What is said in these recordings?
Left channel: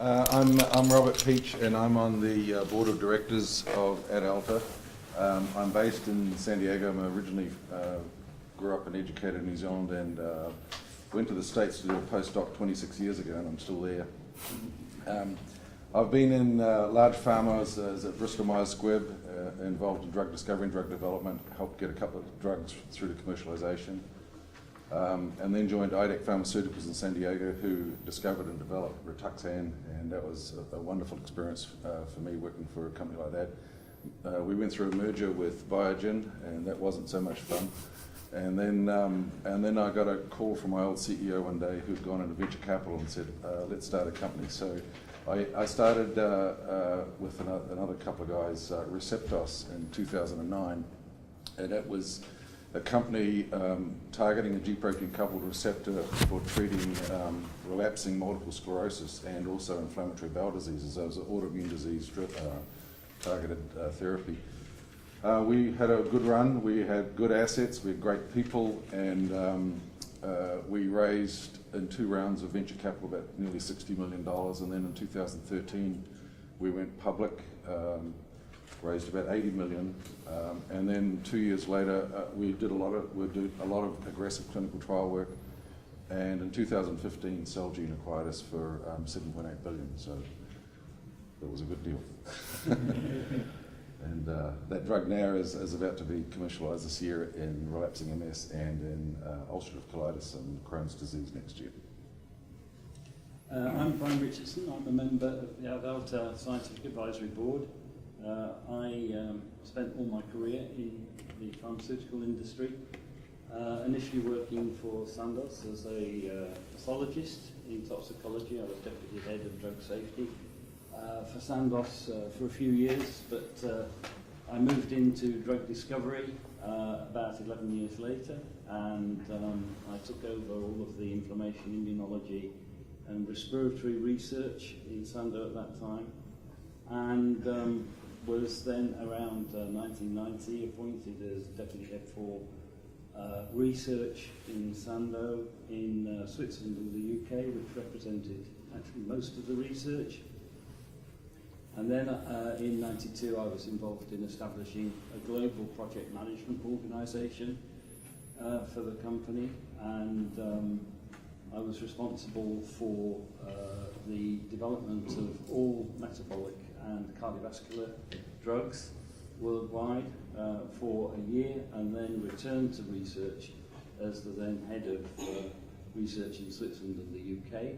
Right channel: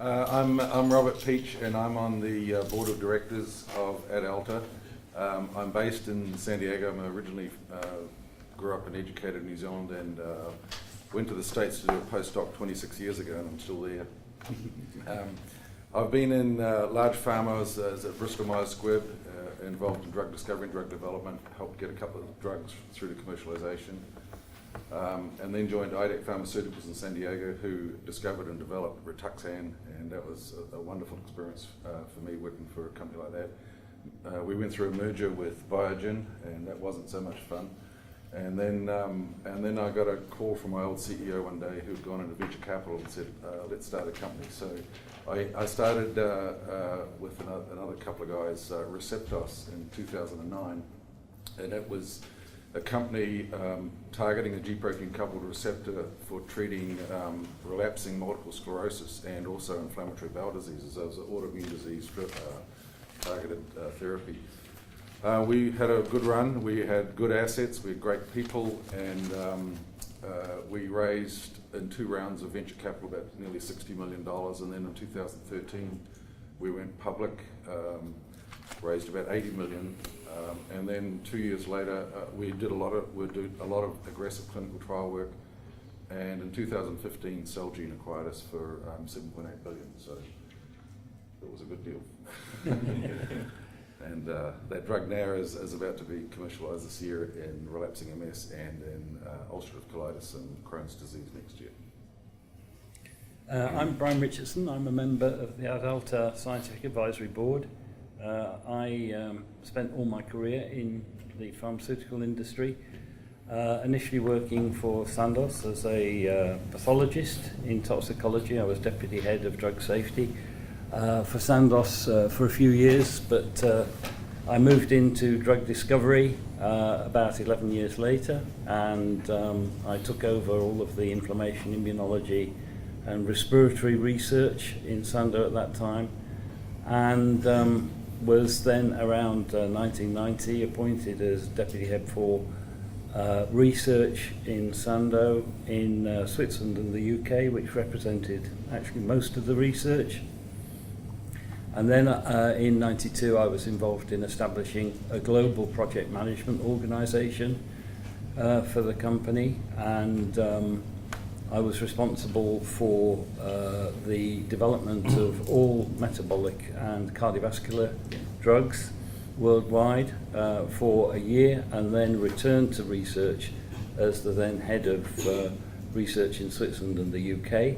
I'm Robert Peach, and I'm on the board of directors of AdAlta. I'm based in San Diego. I'm originally grew up and educated in New Zealand, and went to the States to do a postdoc 26 years ago, and I'm still there. I've been in large pharma as at Bristol Myers Squibb, involved in drug discovery and drug development, helped get a couple of drugs through to commercialization. And then joined IDEC Pharmaceuticals in San Diego, who discovered and developed Richardson, and that was a wonderful experience for me working for a company like that. We went through a merger with Biogen, and that wasn't so much fun. And then I got a call from my old CEO one day who'd gone into venture capital and said, let's start a company. So I started with another couple of guys, Receptos, in 2009, and it was a company targeting a G-protein-coupled receptor for treating relapsing multiple sclerosis and also inflammatory bowel diseases. So it was an autoimmune disease targeted therapy. We had a good run. We had good assets. We had great people, and we raised in 2 rounds of venture capital about nearly $60 million. And then in 2013, we went public, raised about $80 million. And then 2 years later, we did a lot of aggressive clinical trial work. And in 2015, Celgene acquired us for $7.8 billion. So that was a good deal. And that drug now is about to be commercialized this year in relapsing MS and in ulcerative colitis and Crohn's disease next year. I'm Brian Richardson. I'm a member of the AdAlta Scientific Advisory Board. I spent all my career in the pharmaceutical industry, initially working for Sandoz as a pathologist in toxicology. I was deputy head of drug safety for Sandoz for a few years, but I moved into drug discovery about 11 years later, and I took over all of the inflammation, immunology and respiratory research in Sandoz at that time, and was then around 1990 appointed as deputy head for research in Sandoz in Switzerland and the UK, which represented actually most of the research. And then in '92 I was involved in establishing a global project management organisation for the company, and I was responsible for the development of all metabolic and cardiovascular drugs worldwide for a year, and then returned to research as the then head of research in Switzerland and the UK.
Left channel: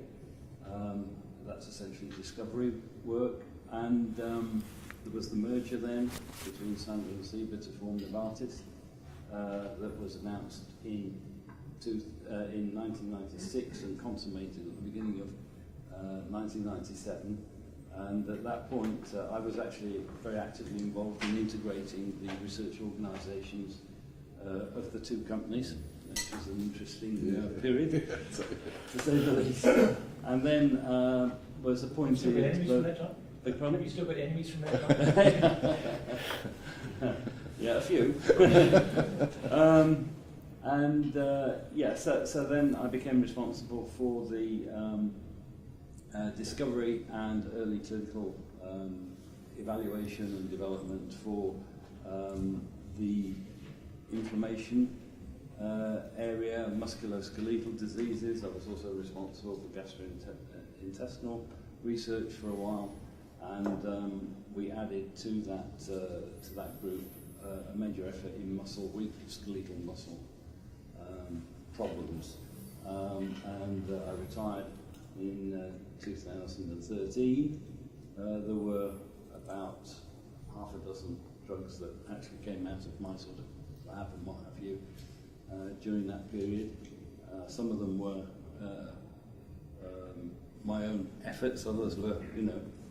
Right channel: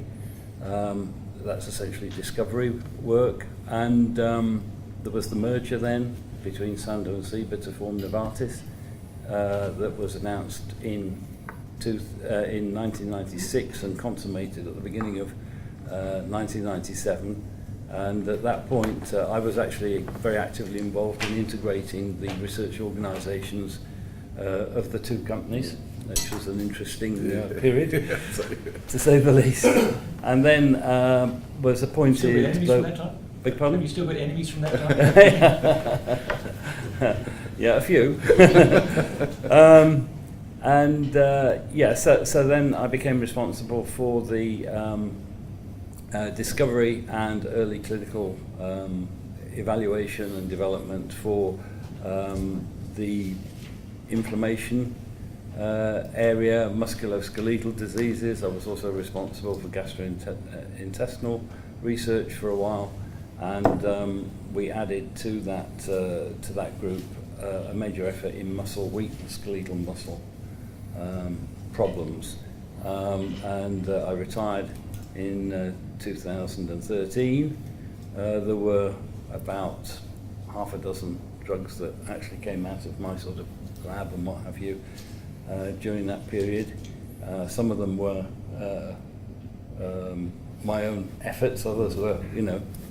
That's essentially discovery work, and there was the merger then between Sandoz and Seebri to form Novartis that was announced in 1996 and consummated at the beginning of 1997. And at that point, I was actually very actively involved in integrating the research organisations of the two companies, which was an interesting period, to say the least. And then was appointed... Still got enemies from that time? Beg pardon? Have you still got enemies from that time? Yeah, a few. So then I became responsible for the discovery and early clinical evaluation and development for the inflammation area, musculoskeletal diseases. I was also responsible for gastrointestinal research for a while, and we added to that group a major effort in muscle weakness, skeletal muscle problems, and I retired in 2013. There were about half a dozen drugs that actually came out of my sort of lab and what have you during that period. Some of them were my own efforts, others were,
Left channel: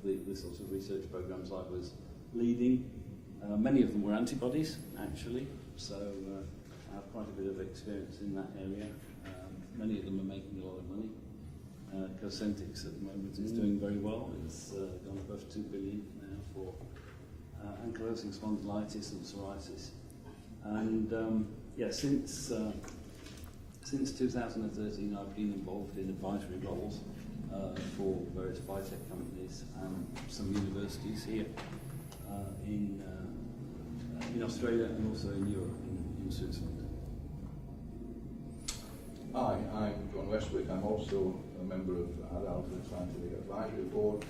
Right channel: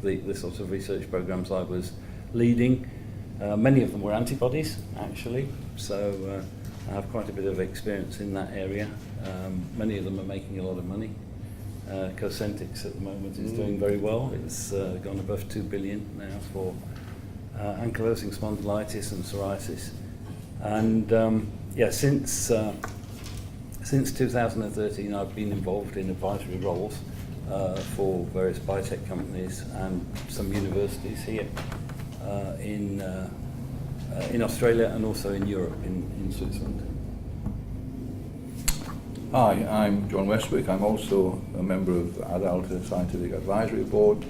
the sorts of research programs I was leading. Many of them were antibodies, actually, so I have quite a bit of experience in that area. Many of them are making a lot of money. Cosentyx at the moment is doing very well. It's gone above 2 billion now for ankylosing spondylitis and psoriasis. And since 2013 I've been involved in advisory roles for various biotech companies and some universities here in Australia and also in Europe, in Switzerland. Hi, I'm John Westwick. I'm also a member of AdAlta Scientific Advisory Board.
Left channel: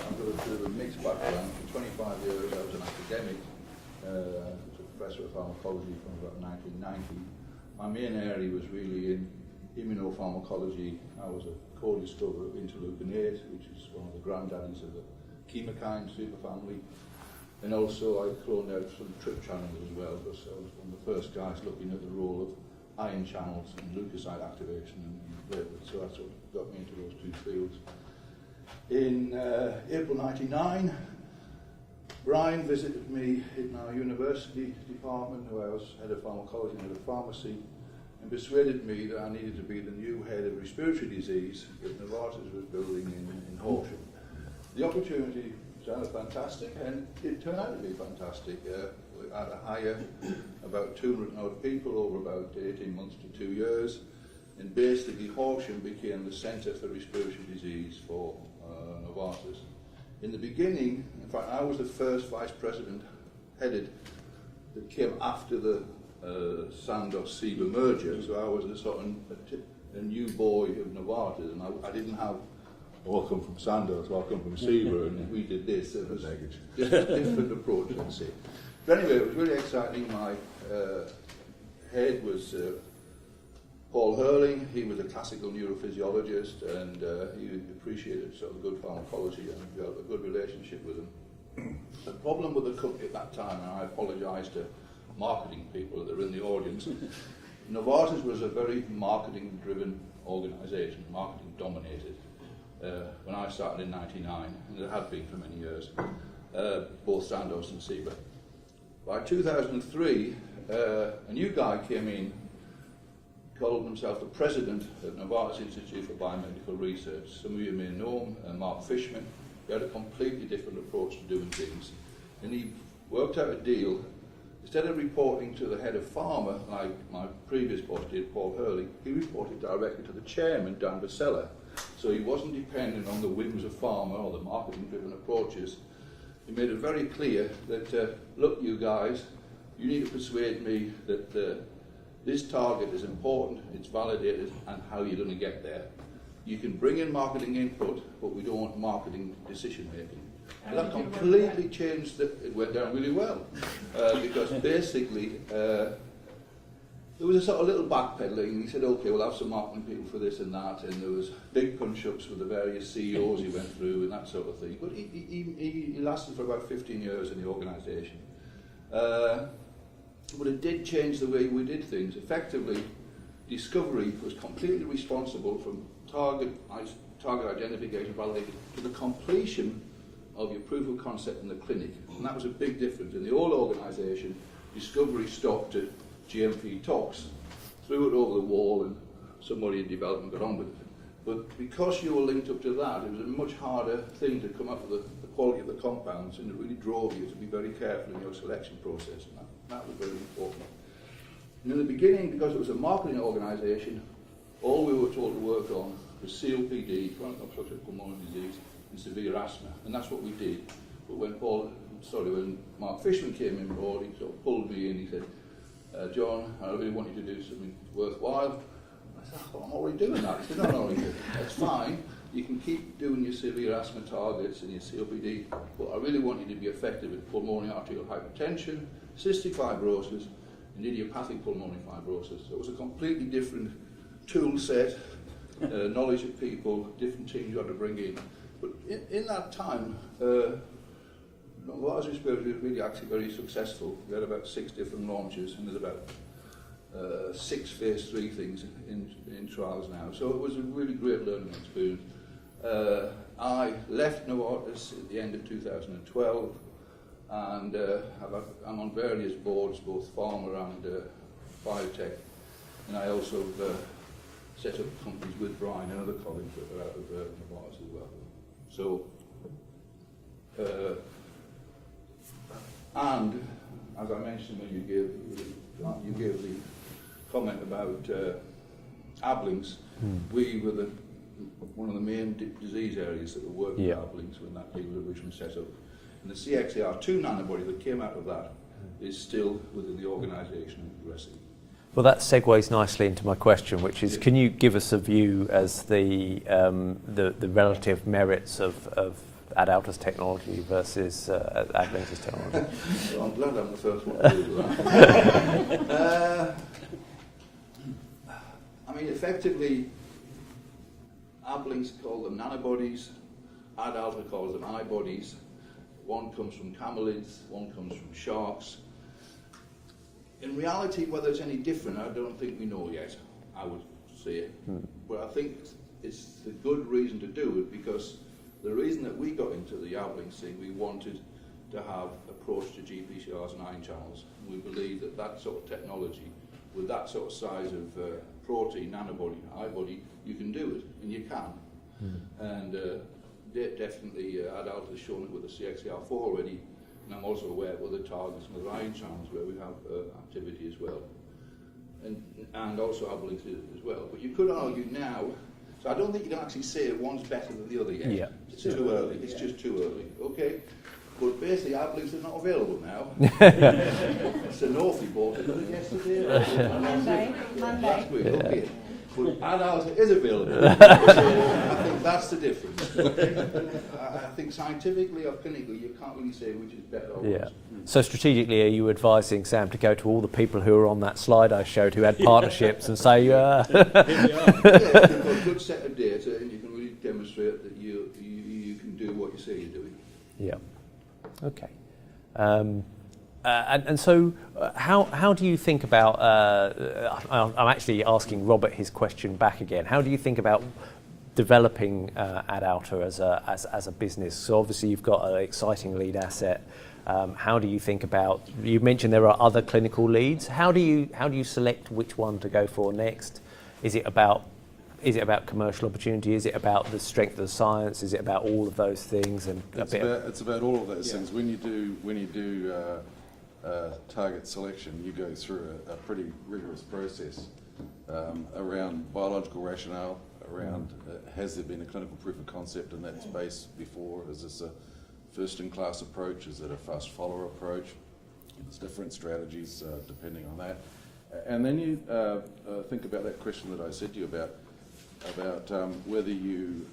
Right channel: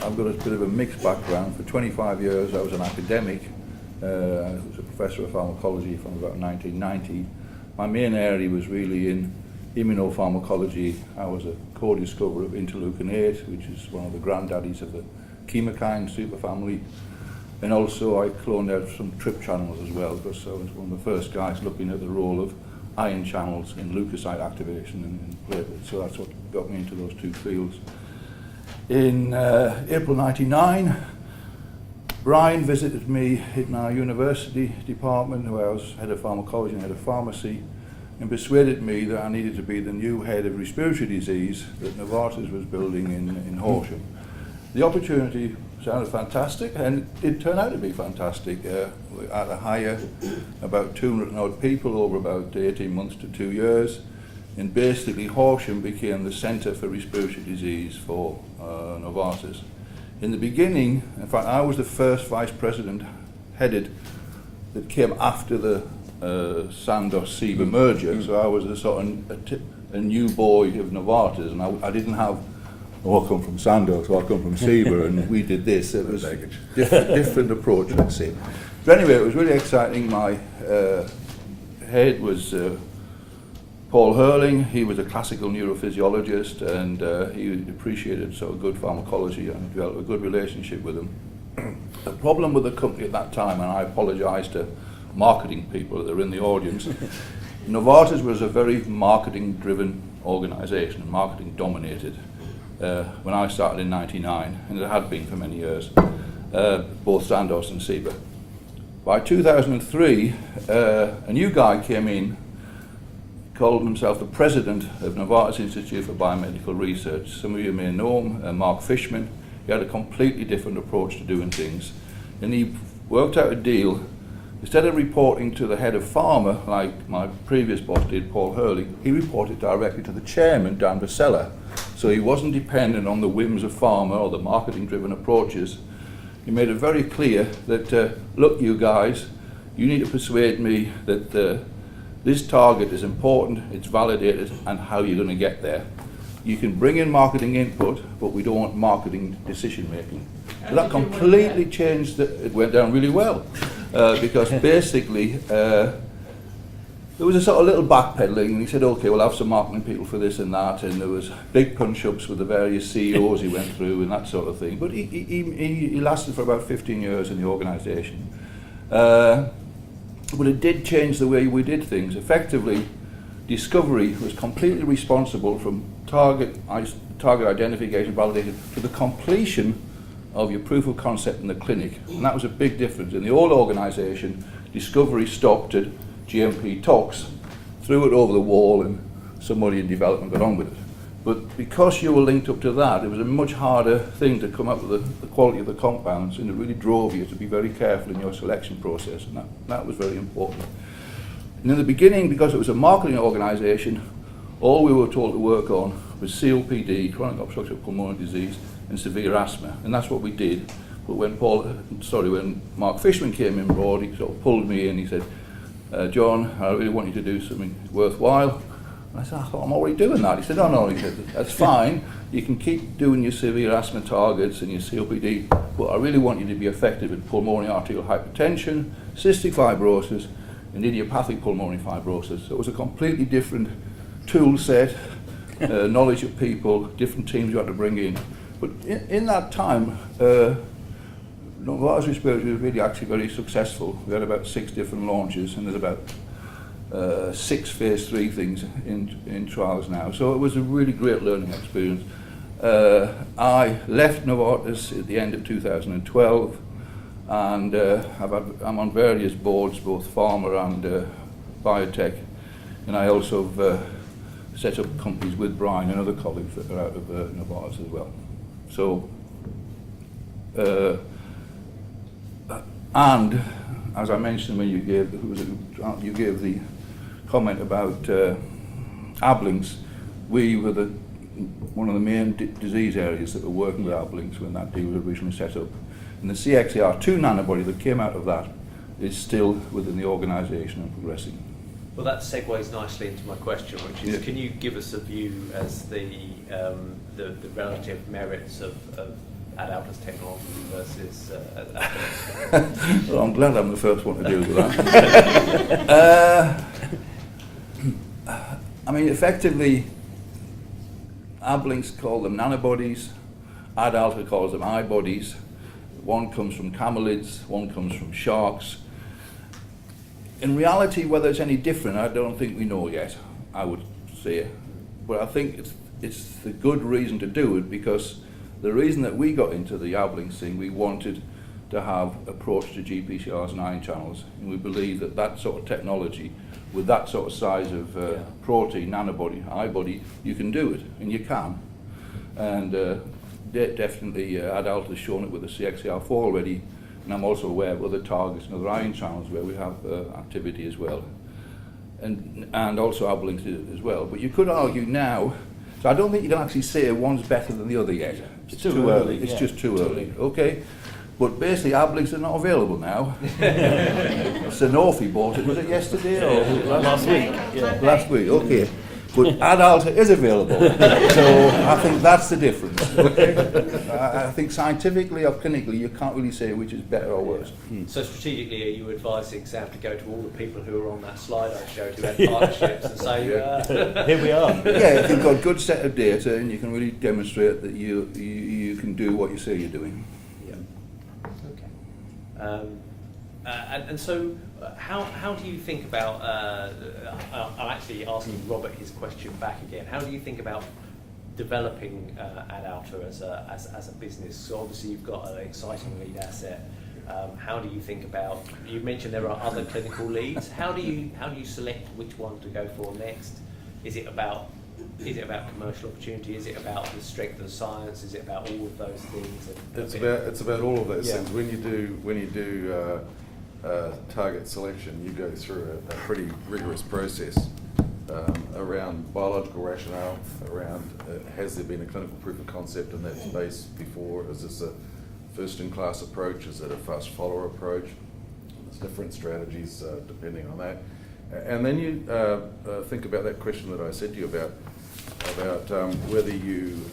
I've got a bit of a mixed background. For 25 years I was an academic. I was a professor of pharmacology from about 1990. My main area was really in immunopharmacology. I was a co-discoverer of interleukin-8, which is one of the granddaddies of the chemokine superfamily. And also I cloned out some TRP channels as well, because I was one of the first guys looking at the role of ion channels in leukocyte activation and platelets. So that's what got me into those two fields. In April '99, Brian visited me in our university department, where I was head of pharmacology and head of pharmacy, and persuaded me that I needed to be the new head of respiratory disease that Novartis was building in Horsham. The opportunity sounded fantastic, and it turned out to be fantastic. We had to hire about 200 odd people over about 18 months to 2 years, and basically Horsham became the centre for respiratory disease for Novartis. In the beginning, in fact, I was the first vice president headed that came after the Sandoz-Seebri merger, so I was a sort of a new boy of Novartis, and I didn't have, oh, I come from Sandoz, or I come from Seebri, and we did this. It was a different approach, let's say. But anyway, it was really exciting. My head was Paul Hurling. He was a classical neurophysiologist, and he appreciated sort of good pharmacology and developed a good relationship with him. The problem with the company at that time, and I apologise to marketing people that are in the audience, Novartis was a very marketing-driven organisation, marketing-dominated. When I started in '99, and it had been for many years, both Sandoz and Seebri. By 2003, a new guy came in, called himself the president of Novartis Institutes for Biomedical Research. Some of you may know him, Mark Fishman. He had a completely different approach to doing things, and he worked out a deal. Instead of reporting to the head of pharma, like my previous boss did, Paul Hurling, he reported directly to the chairman, Dan Vasella. So he wasn't dependent on the whims of pharma or the marketing-driven approaches. He made it very clear that, look, you guys, you need to persuade me that this target is important, it's validated, and how you're going to get there. You can bring in marketing input, but we don't want marketing decision-making. So that completely changed. It went down really well, because basically there was a sort of little backpedaling, and he said, okay, we'll have some marketing people for this and that, and there was big punch-ups with the various CEOs he went through and that sort of thing. But he lasted for about 15 years in the organisation. But it did change the way we did things. Effectively, discovery was completely responsible from target identification, validation, to the completion of your proof of concept in the clinic. And that was a big difference. In the old organisation, discovery stopped at GMP tox, threw it over the wall, and somebody in development got on with it. But because you were linked up to that, it was a much harder thing to come up with the quality of the compounds, and it really drove you to be very careful in your selection process, and that was very important. And in the beginning, because it was a marketing organisation, all we were told to work on was COPD, chronic obstructive pulmonary disease, and severe asthma, and that's what we did. But when Mark Fishman came in board, he sort of pulled me in. He said, John, I really want you to do something worthwhile. And I said, I thought I'm already doing that. He said, no, he said, that's fine. You can keep doing your severe asthma targets and your COPD, but I really want you to be effective in pulmonary arterial hypertension, cystic fibrosis, and idiopathic pulmonary fibrosis. So it was a completely different tool set, knowledge of people, different teams you had to bring in. But in that time, Novartis Respiratory was really actually very successful. We had about 6 different launches, and there's about 6 phase 3 things in trials now. So it was a really great learning experience. I left Novartis at the end of 2012, and I'm on various boards, both pharma and biotech, and I also set up companies with Brian and other colleagues that are out of Novartis as well. So, and as I mentioned when you gave the comment about Ablinks, we were the one of the main disease areas that we're working with Ablinks when that deal was originally set up. And the CXCR2 nanobody that came out of that is still within the organisation and progressing. Well, that segues nicely into my question, which is, can you give us a view as the relative merits of AdAlta's technology versus Ablinks' technology? Well, I'm glad I'm the first one to deal with that. I mean, effectively, Ablinks call them nanobodies, AdAlta calls them iBodies. One comes from camelids, one comes from sharks. In reality, whether it's any different, I don't think we know yet, I would say. But I think it's the good reason to do it, because the reason that we got into the Ablinks thing, we wanted to have approach to GPCRs and ion channels, and we believe that that sort of technology, with that sort of size of protein, nanobody, iBody, you can do it, and you can. And definitely AdAlta has shown it with the CXCR4 already, and I'm also aware of other targets and other ion channels where we have activity as well, and also Ablinks as well. But you could argue now, so I don't think you can actually say one's better than the other yet. Yeah. It's too early. It's just too early. Okay. But basically, Ablinks are not available now. Sanofi bought it. Was it yesterday or Last week. last week? Okay. But AdAlta is available, so I think that's the difference. Okay? I think scientifically or clinically, you can't really say which is better or worse. So strategically, are you advising Sam to go to all the people who are on that slide I showed who had partnerships and say, Here we are. Yeah, if you've got a good set of data and you can really demonstrate that you can do what you say you're doing. Yeah. Okay. And so, how do you think about? I'm actually asking Robert his question back again. How do you think about developing AdAlta as a business? So obviously you've got an exciting lead asset. How do you think about? You mentioned there are other clinical leads. How do you select which one to go for next? Is it about commercial opportunity? Is it about the strength of the science? Is it about all of those things? And it's about all of those things. When you do target selection, you go through a pretty rigorous process around biological rationale, around has there been a clinical proof of concept in that space before? Is this a first-in-class approach? Is it a fast follower approach? There's different strategies depending on that. And then you think about that question that I said to you about whether you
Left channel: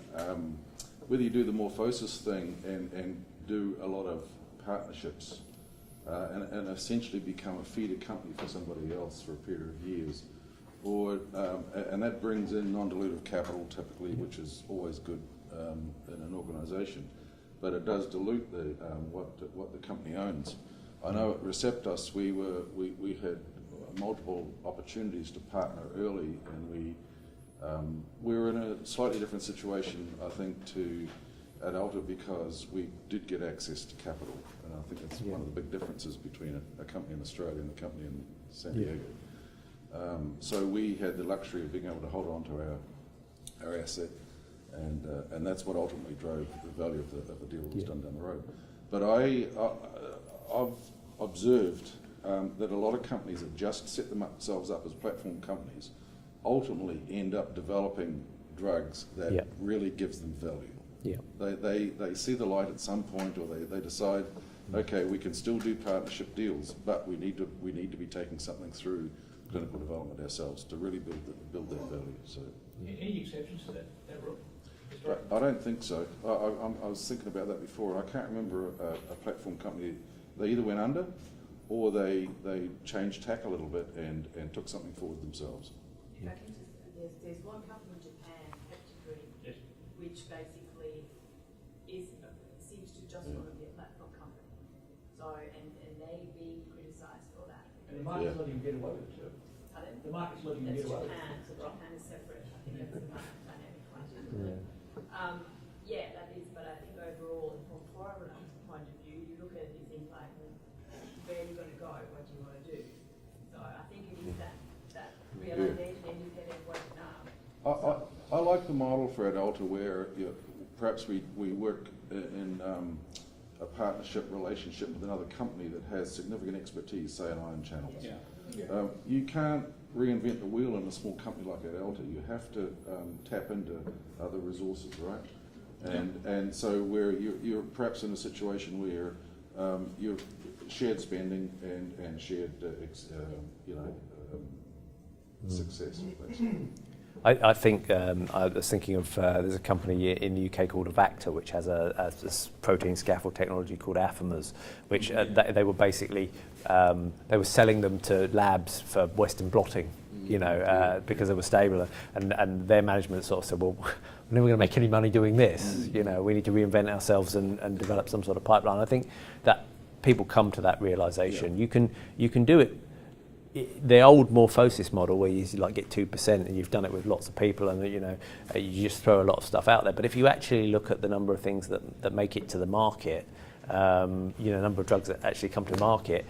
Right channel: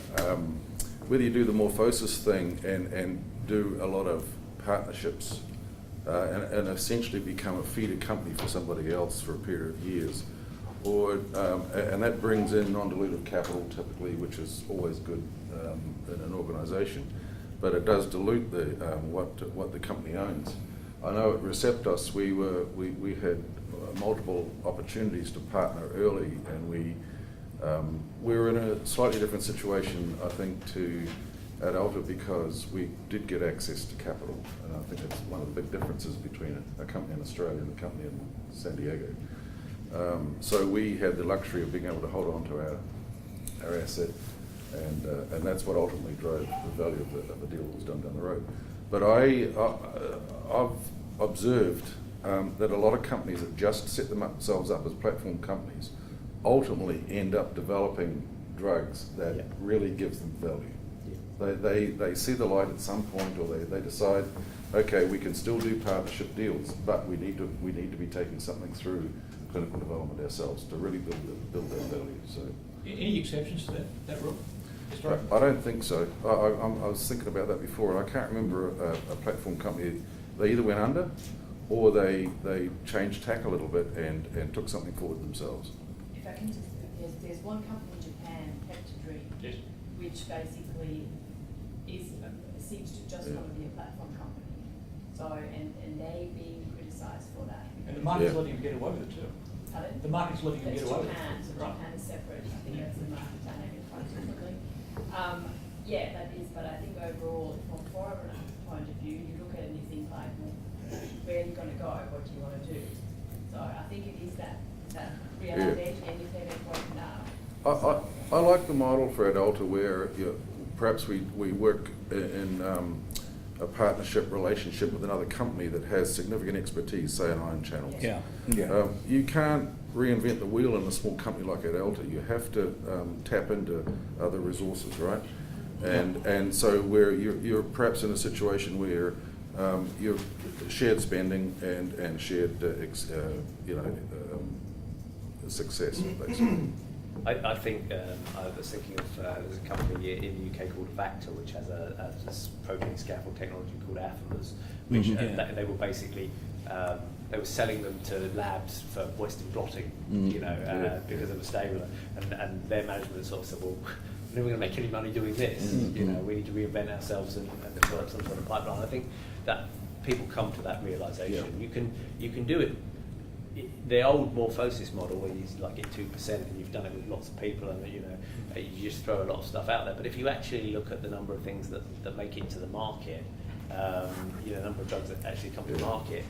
do the morphosis thing and do a lot of partnerships and essentially become a feeder company for somebody else for a period of years, or and that brings in non-dilutive capital typically, which is always good in an organisation, but it does dilute the what the company owns. I know at Receptos we had multiple opportunities to partner early, and we were in a slightly different situation, I think, to AdAlta, because we did get access to capital, and I think that's one of the big differences between a company in Australia and a company in San Diego. So we had the luxury of being able to hold on to our asset, and that's what ultimately drove the value of the deal that was done down the road. But I've observed that a lot of companies that just set themselves up as platform companies ultimately end up developing drugs that really gives them value. They see the light at some point, or they decide, okay, we can still do partnership deals, but we need to be taking something through clinical development ourselves to really build that value. So, any exceptions to that Rob? I don't think so. I was thinking about that before, and I can't remember a platform company. They either went under, or they changed tack a little bit and took something forward themselves. If I can just, there's one company in Japan, Peptidream, which basically seems to just want to be a platform company. So, and they being criticised for that. And the market's letting them get away with it too. Pardon? The market's letting them get away with Japan, it. so Japan is separate. I think that's the market dynamic quite differently. Yeah, that is, but I think overall, from a foreign point of view, you look at it and you think like, well, where are you going to go? What do you want to do? So I think it is that realization, independent point now. I like the model for AdAlta where perhaps we work in a partnership relationship with another company that has significant expertise, say in ion channels. Yeah. You can't reinvent the wheel in a small company like AdAlta. You have to tap into other resources, right? And so where you're perhaps in a situation where you're shared spending and shared success, basically. I think I was thinking of there's a company in the UK called AdAlta, which has a protein scaffold technology called Affimers, which they were basically they were selling them to labs for Western blotting, because they were stable, and their management sort of said, well, we're never going to make any money doing this. We need to reinvent ourselves and develop some sort of pipeline. I think that people come to that realization. You can do it. The old morphosis model where you get 2% and you've done it with lots of people and you just throw a lot of stuff out there. But if you actually look at the number of things that make it to the market, number of drugs that actually come to the market,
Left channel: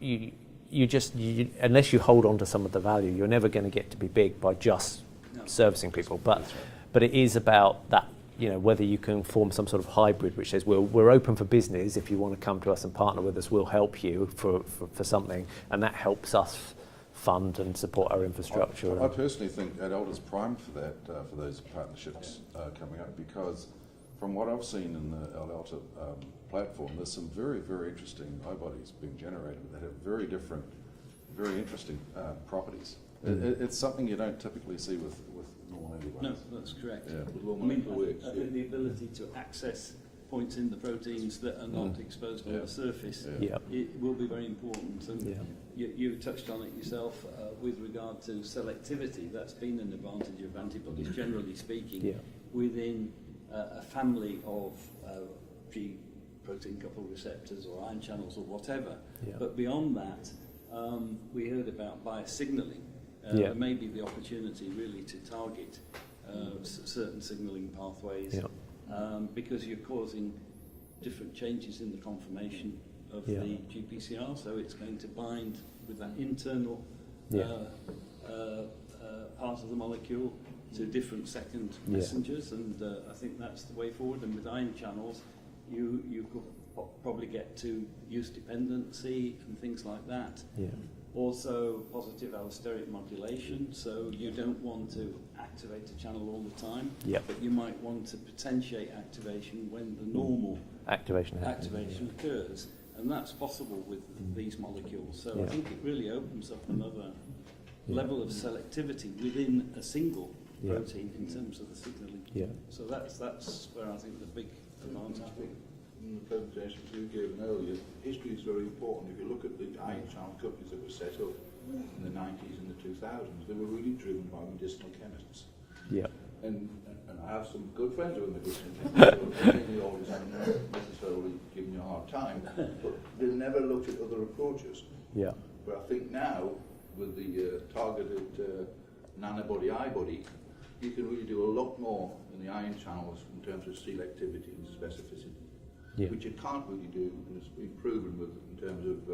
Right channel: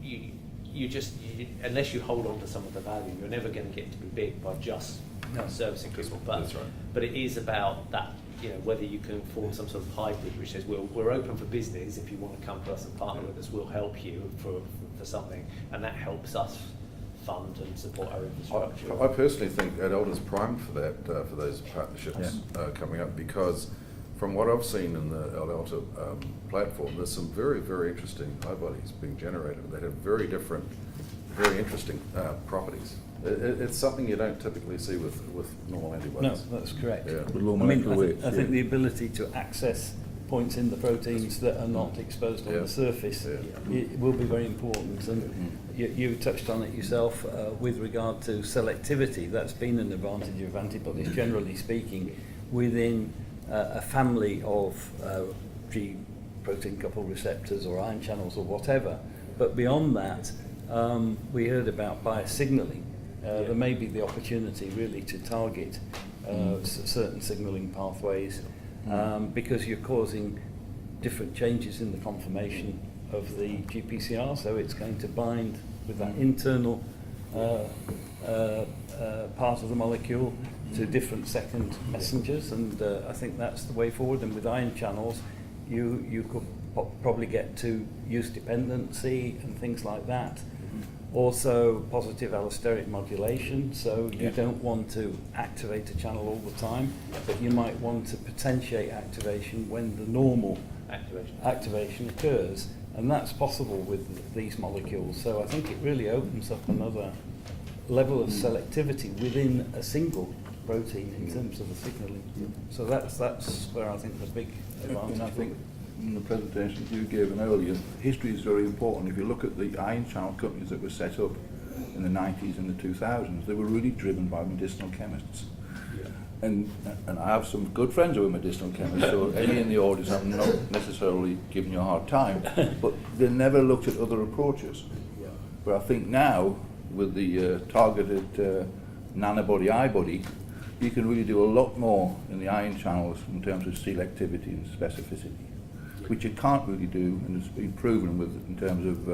unless you hold on to some of the value, you're never going to get to be big by just servicing people. But it is about that. Whether you can form some sort of hybrid which says we're open for business. If you want to come to us and partner with us, we'll help you for something, and that helps us fund and support our infrastructure. I personally think AdAlta's primed for that, for those partnerships coming up, because from what I've seen in the AdAlta platform, there's some very, very interesting antibodies being generated that have very different, very interesting properties. It's something you don't typically see with normal antibodies. No, that's correct. Yeah. With low I mean, molecular weight. I think the ability to access points in the proteins that are not exposed on the surface it will be very important. And you touched on it yourself with regard to selectivity. That's been an advantage of antibodies, generally speaking, within a family of G protein coupled receptors or ion channels or whatever. But beyond that, we heard about biosignaling. There may be the opportunity really to target certain signalling pathways because you're causing different changes in the conformation of the GPCR, so it's going to bind with that internal part of the molecule to different second messengers, and I think that's the way forward. And with ion channels, you could probably get to use dependency and things like that. Also positive allosteric modulation, so you don't want to activate a channel all the time, but you might want to potentiate activation when the normal activation occurs, and that's possible with these molecules. So I think it really opens up another level of selectivity within a single protein in terms of the signalling. So that's where I think the big advantage. I think in the presentations you gave earlier, history is very important. If you look at the ion channel companies that were set up in the 90s and the 2000s, they were really driven by medicinal chemists. And I have some good friends who are medicinal chemists, so any in the audience, I'm not necessarily giving you a hard time, but they never looked at other approaches. But I think now, with the targeted nanobody i-body, you can really do a lot more in the ion channels in terms of selectivity and specificity, which you can't really do, and it's been proven in terms of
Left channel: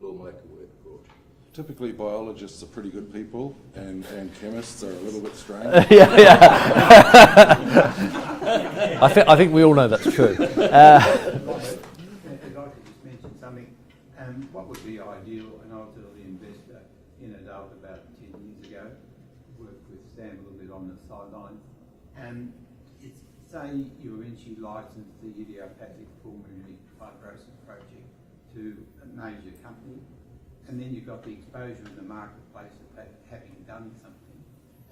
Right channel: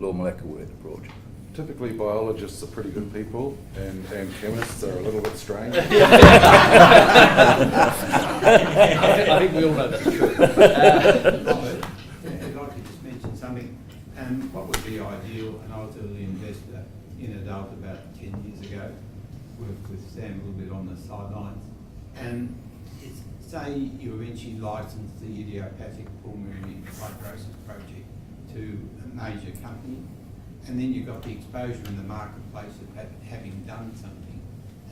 low molecular weight approach. Typically, biologists are pretty good people, and chemists are a little bit strange. I think we all know that's true. I'd like to just mention something. What would be ideal, and I was an early investor in AdAlta about 10 years ago, worked with Sam a little bit on the sidelines, and it's, say you eventually license the idiopathic pulmonary fibrosis project to a major company, and then you've got the exposure in the marketplace of having done something,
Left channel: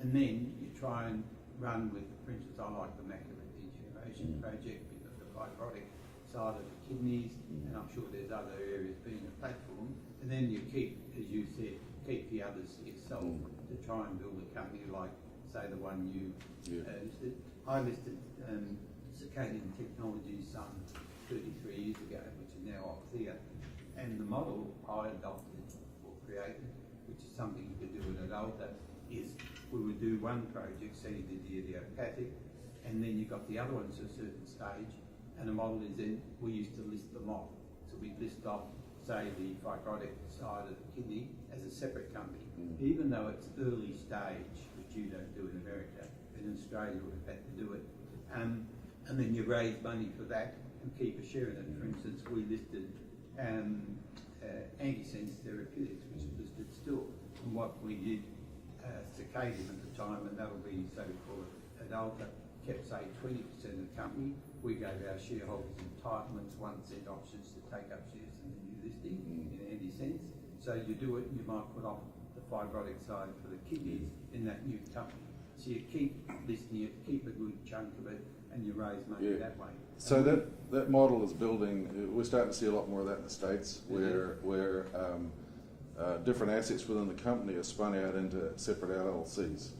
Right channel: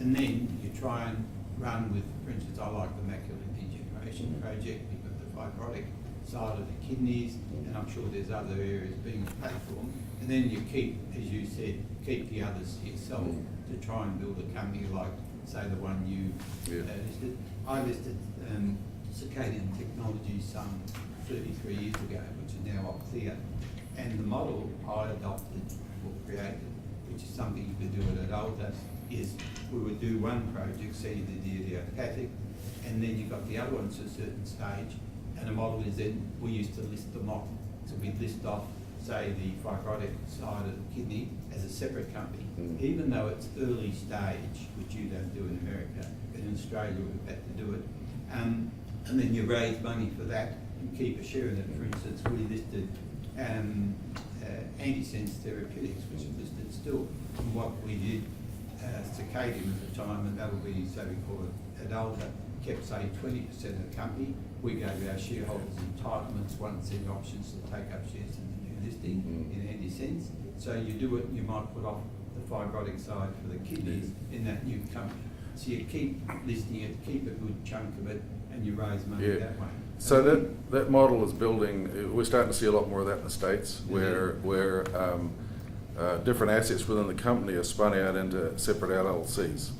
and then you try and run with, for instance, I like the macular degeneration project, you've got the fibrotic side of the kidneys, and I'm sure there's other areas being platformed, and then you keep, as you said, keep the others to yourself to try and build a company like, say, the one you listed. I listed Circadian Technologies some 33 years ago, which is now Opthea. And the model I adopted or created, which is something you could do at AdAlta, is we would do one project, say you did the idiopathic, and then you got the other ones to a certain stage, and the model is then, we used to list them off. So we'd list off, say, the fibrotic side of the kidney as a separate company, even though it's early stage, which you don't do in America, but in Australia we've had to do it. And then you raise money for that and keep a share in it. For instance, we listed antisense therapeutics, which is listed still. And what we did, circadian at the time, and that'll be, say we call it AdAlta, kept say 20% of the company. We gave our shareholders entitlements, 1% options to take up shares in the new listing in antisense. So you do it, you might put off the fibrotic side for the kidneys in that new company. So you keep listing it, keep a good chunk of it, and you raise money that way. So that model is building. We're starting to see a lot more of that in the States, where different assets within the company are spun out into separate LLCs.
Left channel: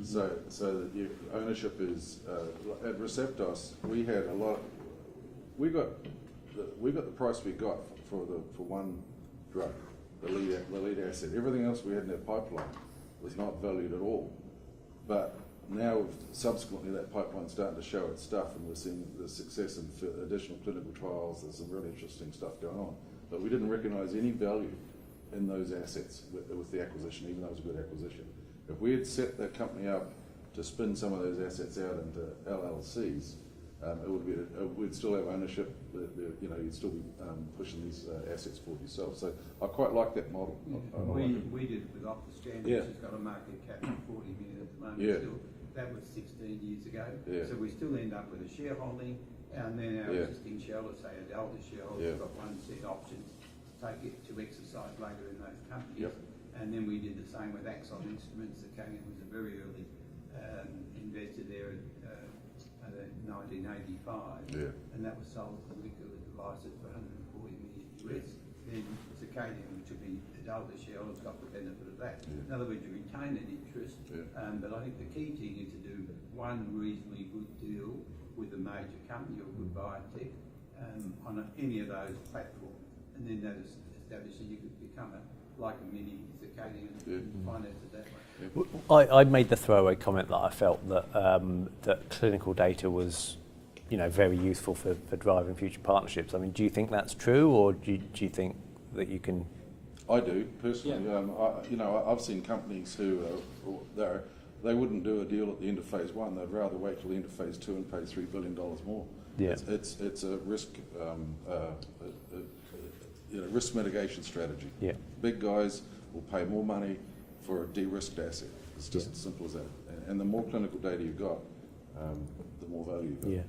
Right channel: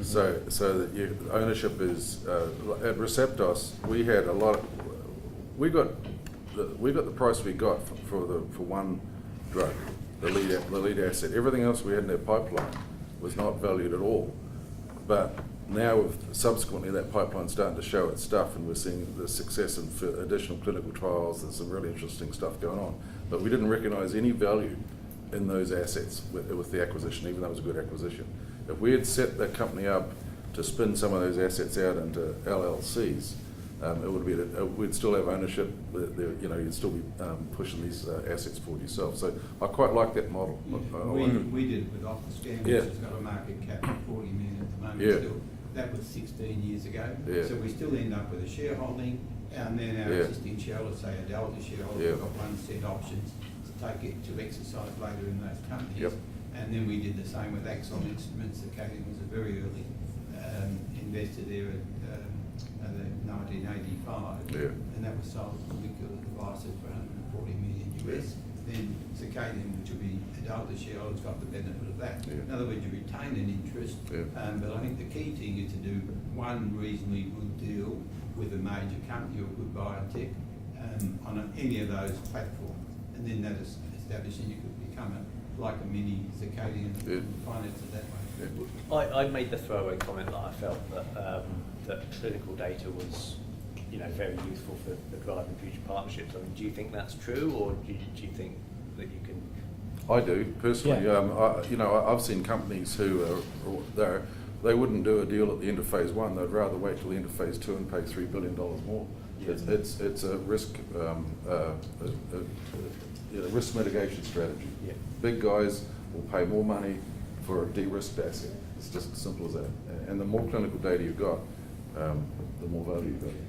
So that your ownership is at Receptos. We had a lot. We got the price we got for one drug, the lead asset. Everything else we had in our pipeline was not valued at all. But now, subsequently, that pipeline's starting to show its stuff, and we're seeing the success in additional clinical trials. There's some really interesting stuff going on. But we didn't recognise any value in those assets with the acquisition, even though it was a good acquisition. If we had set that company up to spin some of those assets out into LLCs, it would be we'd still have ownership. You'd still be pushing these assets forward yourself. So I quite like that model. We did it with Optiscan, which has got a market cap of 40 million at the moment. Still, that was 16 years ago. So we still end up with a shareholding, and then our existing shareholders, say AdAlta shareholders, got 1% options to take it to exercise later in those companies. And then we did the same with Axon Instruments. Circadian was a very early investor there at 1985, and that was sold to Molecular Devices for $140 million US. Then Circadian, which will be AdAlta shareholders, got the benefit of that. In other words, you retain an interest, but I think the key thing is to do one reasonably good deal with a major company or a good biotech on any of those platforms, and then that is established, and you could become like a mini Circadian and finance it that way. I made the throwaway comment that I felt that that clinical data was, very useful for driving future partnerships. I mean, do you think that's true, or do you think that you can? I do personally. I've seen companies who they wouldn't do a deal at the end of phase 1. They'd rather wait till the end of phase 2 and pay $3 billion more. It's a risk risk mitigation strategy. Big guys will pay more money for a de-risked asset. It's just as simple as that. And the more clinical data you've got, the more value you've got.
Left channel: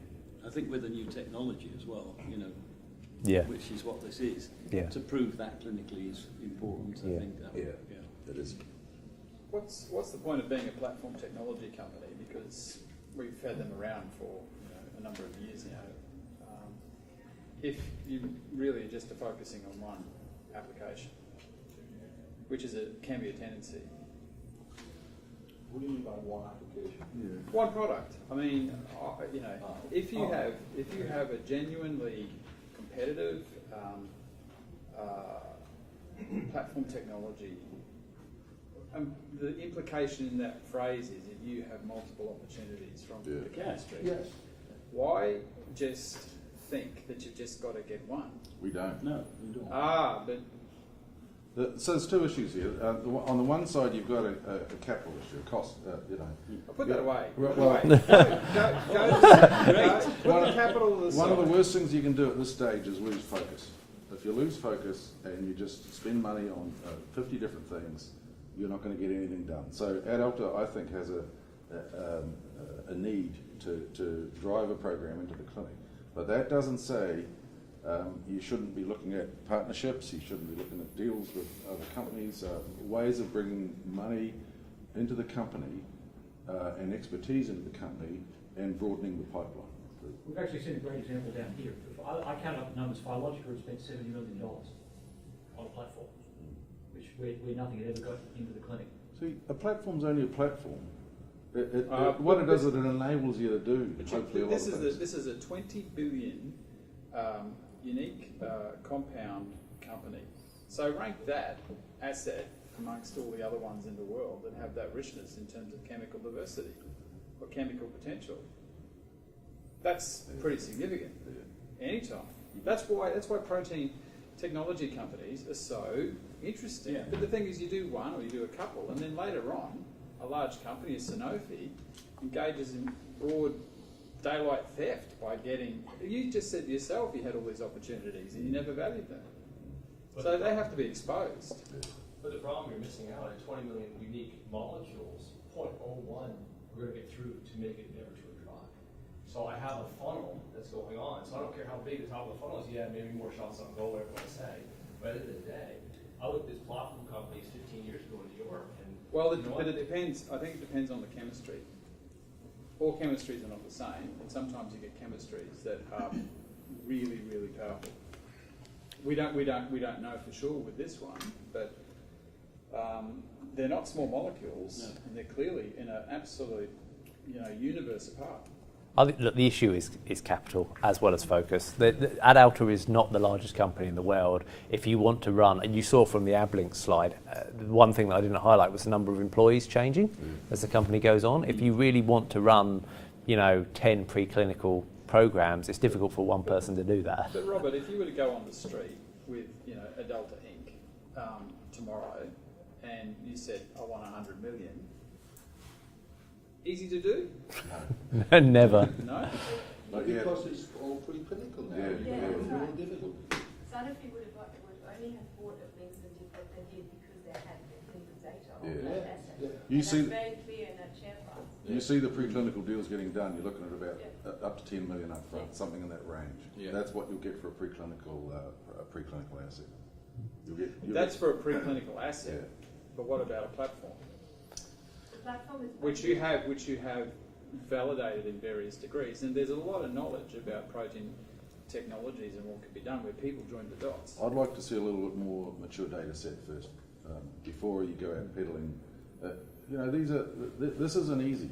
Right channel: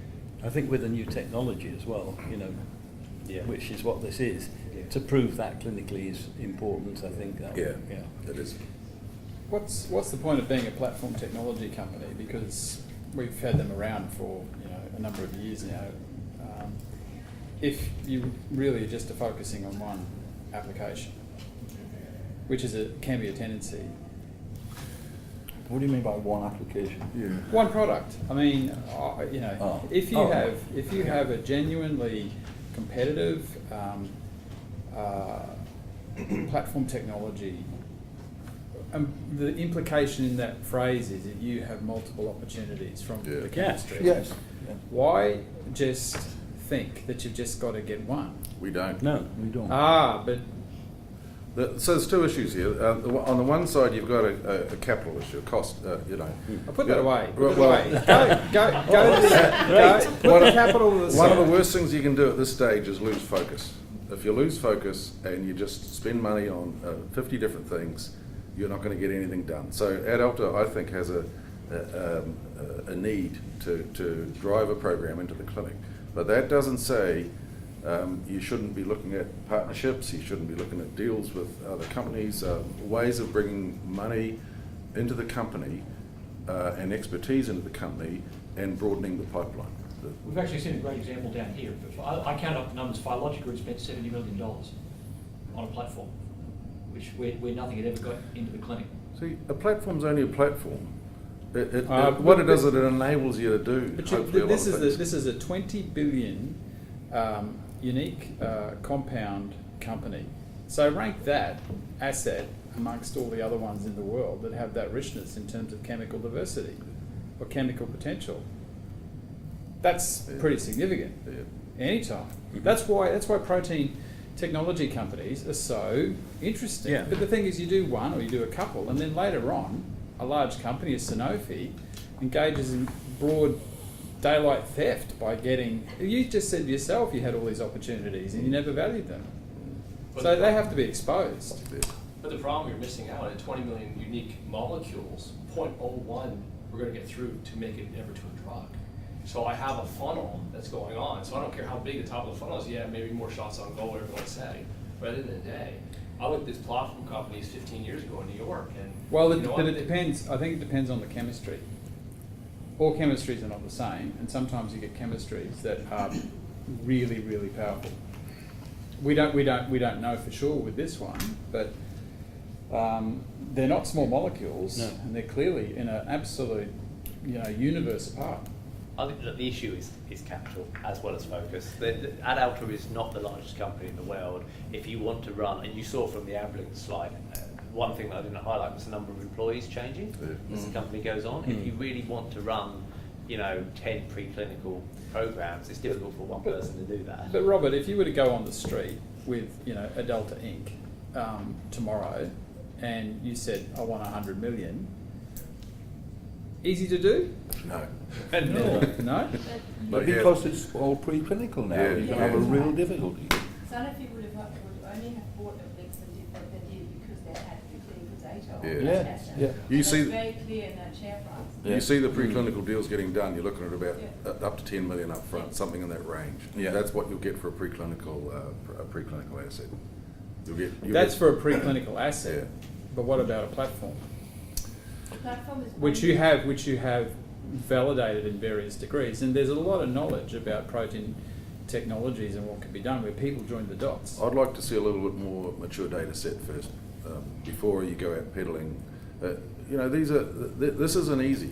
I think with the new technology as well, which is what this is, to prove that clinically is important. I think that. It is. What's the point of being a platform technology company? Because we've had them around for a number of years now. If you really just are focusing on one application, which can be a tendency. What do you mean by one application? One product. I mean, if you have a genuinely competitive platform technology, the implication in that phrase is that you have multiple opportunities from the chemistry. Yes. Why just think that you've just got to get one? We don't. No, We don't. But So there's two issues here. On the one side, you've got a capital issue, a cost. I'll put that away. Put it Well, away. Go put the capital to the side. One of the worst things you can do at this stage is lose focus. If you lose focus and you just spend money on 50 different things, you're not going to get anything done. So AdAlta, I think, has a need to drive a program into the clinic. But that doesn't say you shouldn't be looking at partnerships, you shouldn't be looking at deals with other companies, ways of bringing money into the company and expertise into the company and broadening the pipeline. We've actually seen a great example down here. I count up the numbers. Phylogica has spent $70 million on a platform, where nothing had ever got into the clinic. See, a platform's only a platform. What it does is it enables you to do. But hopefully a lot of things. this is a 20 billion unique compound company. So rank that asset amongst all the other ones in the world that have that richness in terms of chemical diversity or chemical potential. That's pretty significant. Anytime. That's why protein technology companies are so interesting. But the thing is, you do one or you do a couple, and then later on, a large company, as Sanofi, engages in broad daylight theft by getting. You just said yourself you had all these opportunities and you never valued them. So they have to be exposed. But the problem you're missing out at 20 million unique molecules, 0.01 we're going to get through to make it ever to a drug. So I have a funnel that's going on. So I don't care how big the top of the funnel is. Yeah, maybe more shots on goal, whatever you want to say. But at the end of the day, I looked at this platform companies 15 years ago in New York, and Well, you know but what? it depends. I think it depends on the chemistry. All chemistries are not the same, and sometimes you get chemistries that are really, really powerful. We don't know for sure with this one, but they're not small molecules, No. and they're clearly in an absolute, universe apart. I think that the issue is capital as well as focus. AdAlta is not the largest company in the world. If you want to run, and you saw from the AbLink slide, one thing that I didn't highlight was the number of employees changing as the company goes on. If you really want to run, 10 preclinical programs, it's difficult for one person to do that. But Robert, if you were to go on the street with, AdAlta Inc. Tomorrow, and you said, I want 100 million, easy to do? No. Never. No? But yeah. because it's all preclinical now, Yeah. you can have a real difficulty. Sanofi would only have bought a mix and different than did because they had the clinical data on Yeah. that Yeah, asset. yeah. You And see- that's very clear in that share price. Yeah. You see the preclinical deals getting done, you're looking at about Yeah. up to 10 million up front, something in that range. Yeah. That's what you'll get for a preclinical asset. You'll That's get, for a preclinical asset. Yeah. But what about a platform? The platform is Which you have validated in various degrees, and there's a lot of knowledge about protein technologies and what can be done where people join the dots. I'd like to see a little bit more mature data set first, before you go out peddling. This isn't easy.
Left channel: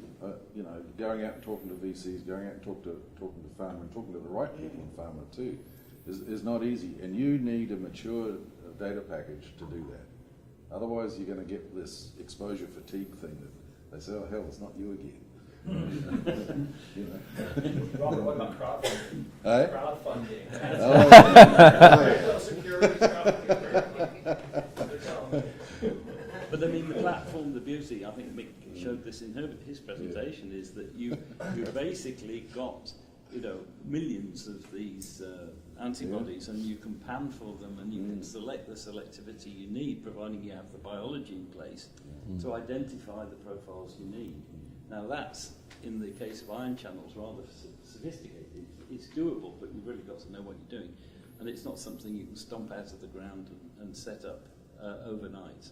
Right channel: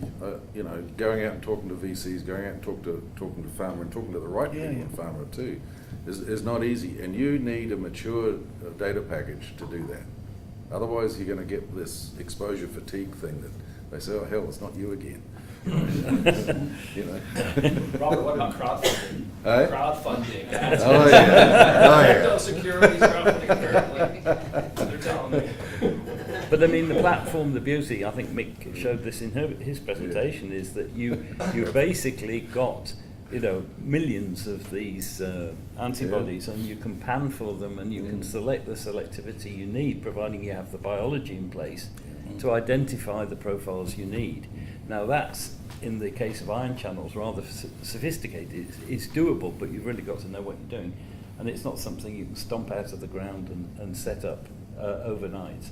Going out and talking to VCs, going out and talking to pharma, and talking to the right people in pharma too, is not easy. And you need a mature data package to do that. Otherwise, you're going to get this exposure fatigue thing that they say, "Oh hell, it's not you again." Robert, what about crowdfunding? Eh? Crowdfunding. Oh yeah. Crypto securities crowdfunding, apparently. They're telling me. But I mean, the platform, the beauty, I think Mick showed this in his presentation, is that you basically got, millions of these antibodies, and you can pan for them, and you can select the selectivity you need, providing you have the biology in place to identify the profiles you need. Now that's, in the case of ion channels, rather sophisticated. It's doable, but you've really got to know what you're doing. And it's not something you can stomp out of the ground and set up overnight.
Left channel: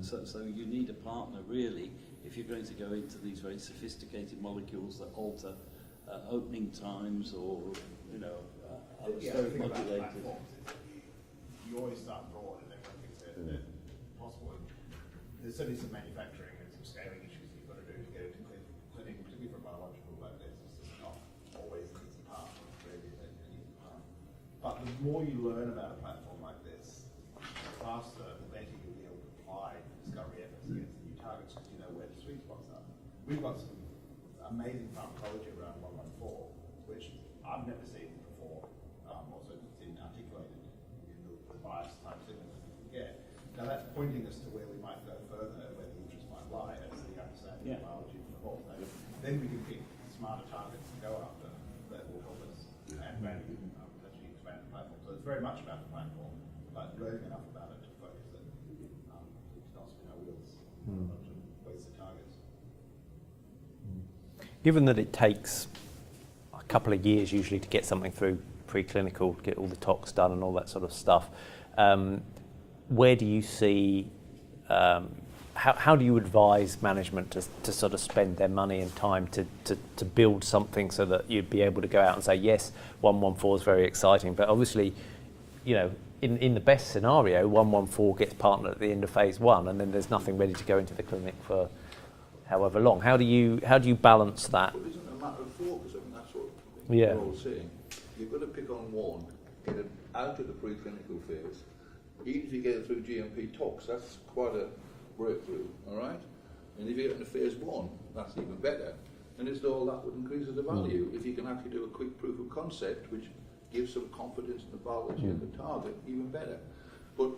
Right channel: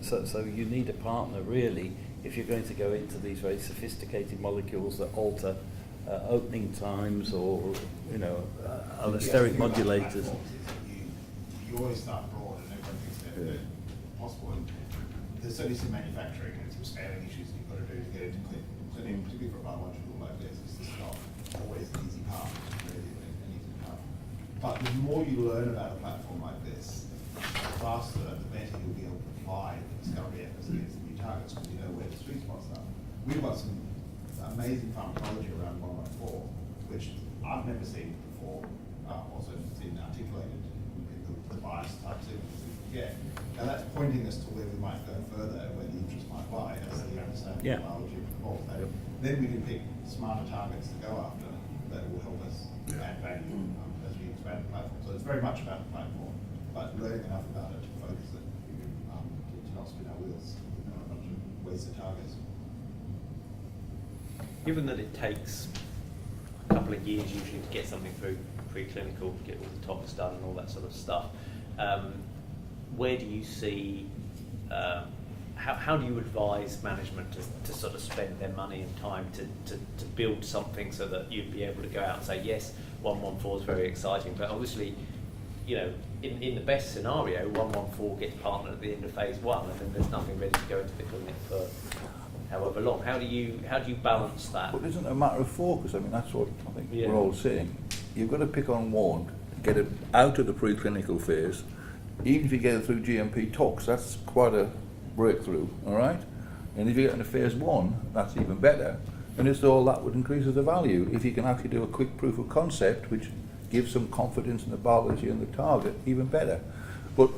So you need a partner, really, if you're going to go into these very sophisticated molecules that alter opening times or, allosteric modulators. You always start broad and everyone thinks they're possible. And there's certainly some manufacturing and some scaling issues you've got to do to get into clinic, particularly for a biological like this. It's just not always the easy path, really, an easy path. But the more you learn about a platform like this, the faster, the better you'll be able to apply discovery efforts against new targets because you know where the sweet spots are. We've got some amazing pharmacology around 114, which I've never seen before, also seen articulated in the bias type signals that we get. Now that's pointing us to where we might go further, where the interest might lie, as we understand the biology of the ball. Then we can pick smarter targets to go after that will help us add value as we expand the platform. So it's very much about the platform, but learning enough about it to focus it, to not spin our wheels with a bunch of wasted targets. Given that it takes a couple of years usually to get something through preclinical, get all the tox done and all that sort of stuff, where do you see, how do you advise management to sort of spend their money and time to build something so that you'd be able to go out and say, yes, 114 is very exciting, but obviously, in the best scenario, 114 gets partnered at the end of phase 1 and then there's nothing ready to go into the clinic for however long. How do you balance that? But isn't it a matter of focus? I mean, that's what I think Yeah. we're all saying. You've got to pick on one, get it out of the preclinical phase. Even if you get it through GMP tox, that's quite a breakthrough, all right? And if you get into phase 1, that's even better. And it's all that would increase the value. If you can actually do a quick proof of concept, which gives some confidence in the biology and the target, even better. But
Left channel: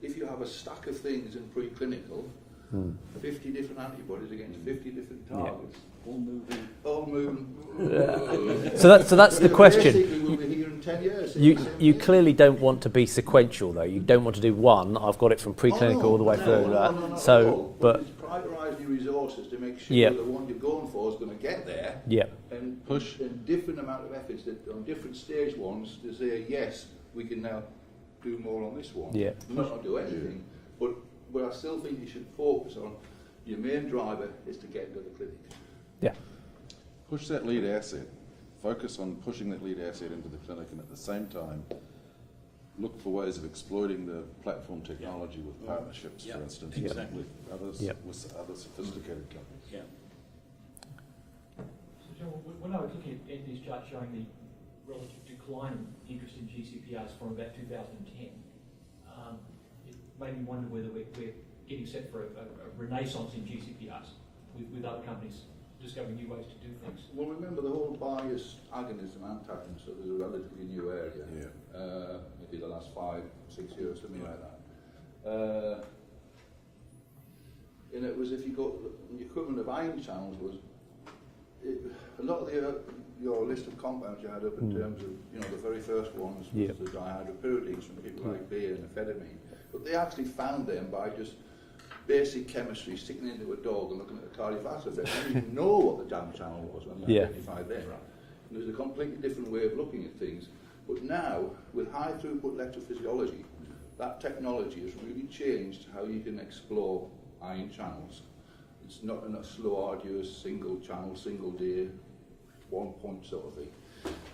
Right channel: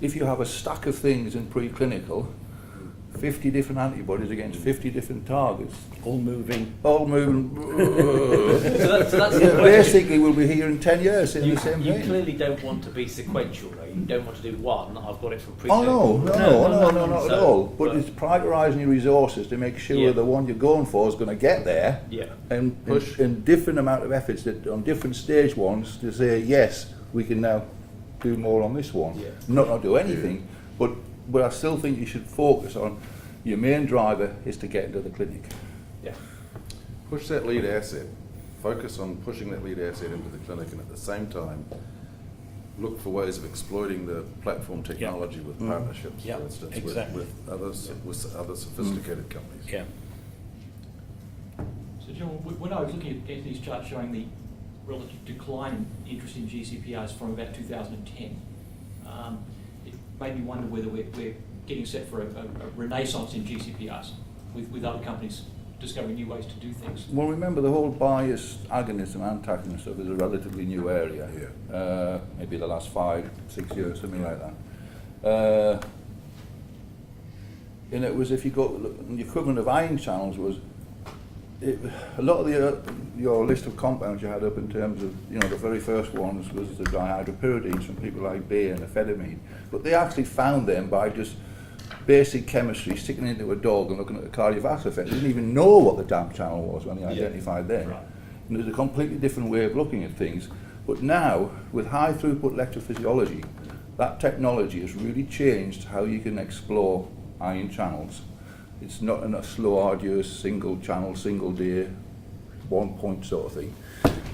if you have a stack of things in preclinical, 50 different antibodies against 50 different targets. All moving. All moving. So that's the question. Basically, we'll be here in 10 years saying the same You thing. clearly don't want to be sequential, though. You don't want to do one. I've got it from Oh, preclinical all the way through. no, not So, at all. But, but- it's prioritising your resources to make sure Yeah. the one you're going for is going to get there. Yeah. And different amount of efforts that on different stage ones to say, yes, we can now do more on this one. Yeah. Not do anything, but I still think you should focus on your main driver is to get into the clinic. Yeah. Push that lead asset. Focus on pushing that lead asset into the clinic, and at the same time, look for ways of exploiting the platform technology with partnerships, Yeah, for instance, exactly. with others, Yep. with other sophisticated companies. Yeah. So John, when I was looking at Anthony's chart showing the relative decline in interest in GCPRs from about 2010, it made me wonder whether we're getting set for a renaissance in GCPRs with other companies discovering new ways to do things. Well, remember the whole bias agonist and antagonist stuff is a relatively new area. Maybe the last 5-6 years, something like that. And it was, if you go, the equivalent of ion channels was, a lot of your list of compounds you had up in terms of, the very first ones was the dihydropyridines from people like Bayer and amphetamine. But they actually found them by just basic chemistry, sticking it into a dog and looking at the cardiovascular effect. They didn't even know what the damn channel was when they identified them. Right. And there's a completely different way of looking at things. But now, with high throughput electrophysiology, that technology has really changed how you can explore ion channels. It's not a slow, arduous, single channel, single day, 1 point sort of thing.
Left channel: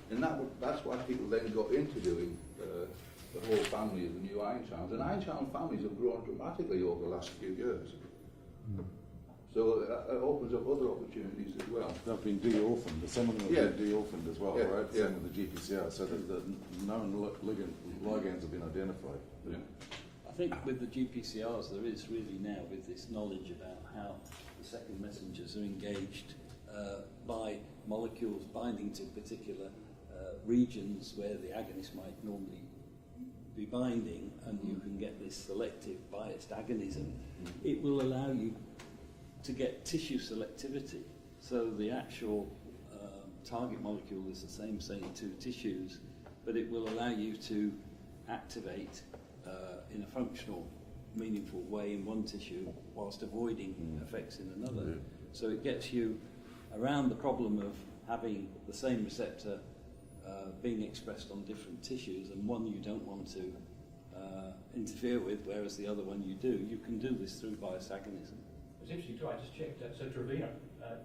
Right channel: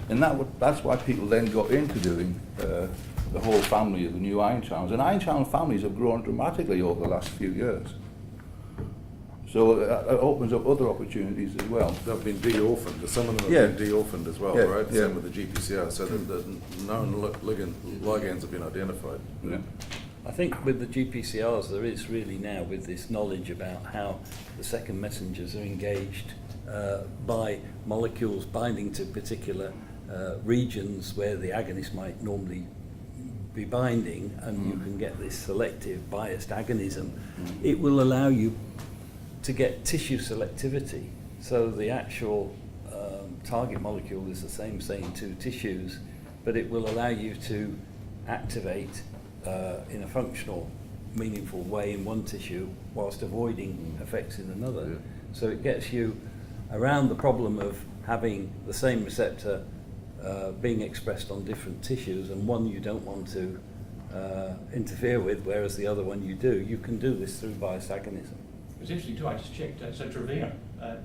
And that's why people then got into doing the whole family of the new ion channels. And ion channel families have grown dramatically over the last few years. So it opens up other opportunities as well. They've been de-orphaned. Some of them have been de-orphaned as well, Yeah, right? yeah. Same with the GPCR, so that the known ligands have been identified. Yeah. I think with the GPCRs, there is really now, with this knowledge about how the second messengers are engaged by molecules binding to particular regions where the agonist might normally be binding, and you can get this selective biased agonism. It will allow you to get tissue selectivity. So the actual target molecule is the same, say, in 2 tissues, but it will allow you to activate in a functional, meaningful way in one tissue whilst avoiding effects in another. So it gets you around the problem of having the same receptor being expressed on different tissues, and one you don't want to interfere with, whereas the other one you do. You can do this through biased agonism. It was interesting too, I just checked, so Trevino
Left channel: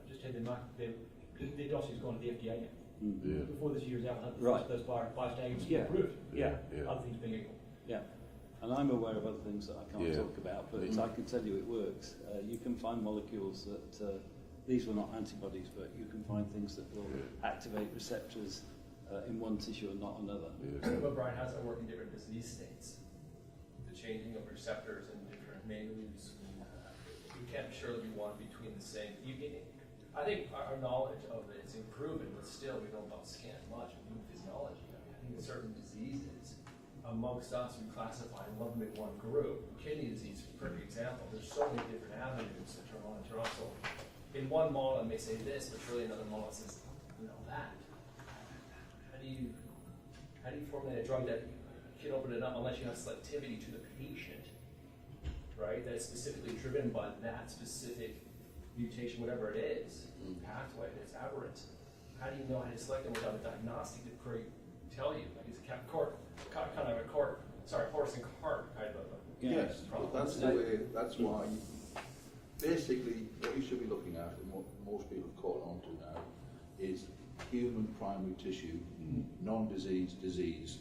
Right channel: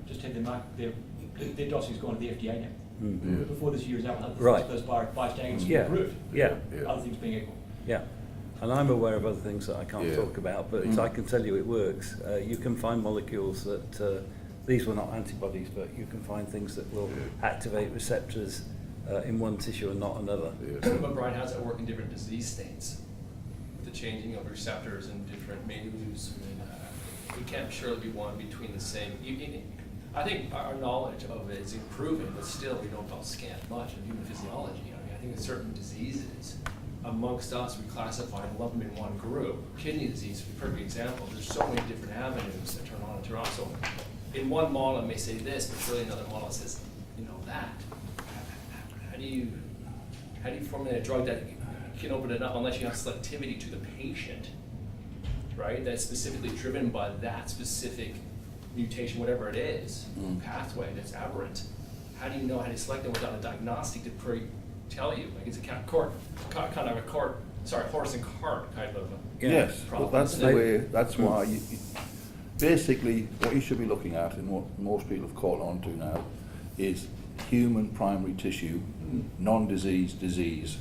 just had their dossier's gone to the FDA now. Before this year is out, Right. those biased agonists Yeah. approved, Yeah, other things being equal. yeah. And I'm aware of other things that I can't talk about, but I can tell you it works. You can find molecules that, these were not antibodies, but you can find things that will activate receptors in one tissue and not another. But Brian, how does that work in different disease states? With the changing of receptors and different menus? I mean, we can't surely be one between the same. I think our knowledge of it is improving, but still we don't scant much of human physiology. I mean, I think in certain diseases, amongst us, we classify and lump them in one group. Kidney disease is a perfect example. There's so many different avenues that turn on and turn off. So in one model it may say this, but surely another model says, that. How do you formulate a drug that can open it up unless you have selectivity to the patient, right? That's specifically driven by that specific mutation, whatever it is, pathway that's aberrant. How do you know how to select them without a diagnostic to tell you? Like it's horse and cart kind of a Yes, problem. but that's the way. That's why you basically what you should be looking at, and what most people have caught on to now, is human primary tissue, non-disease disease.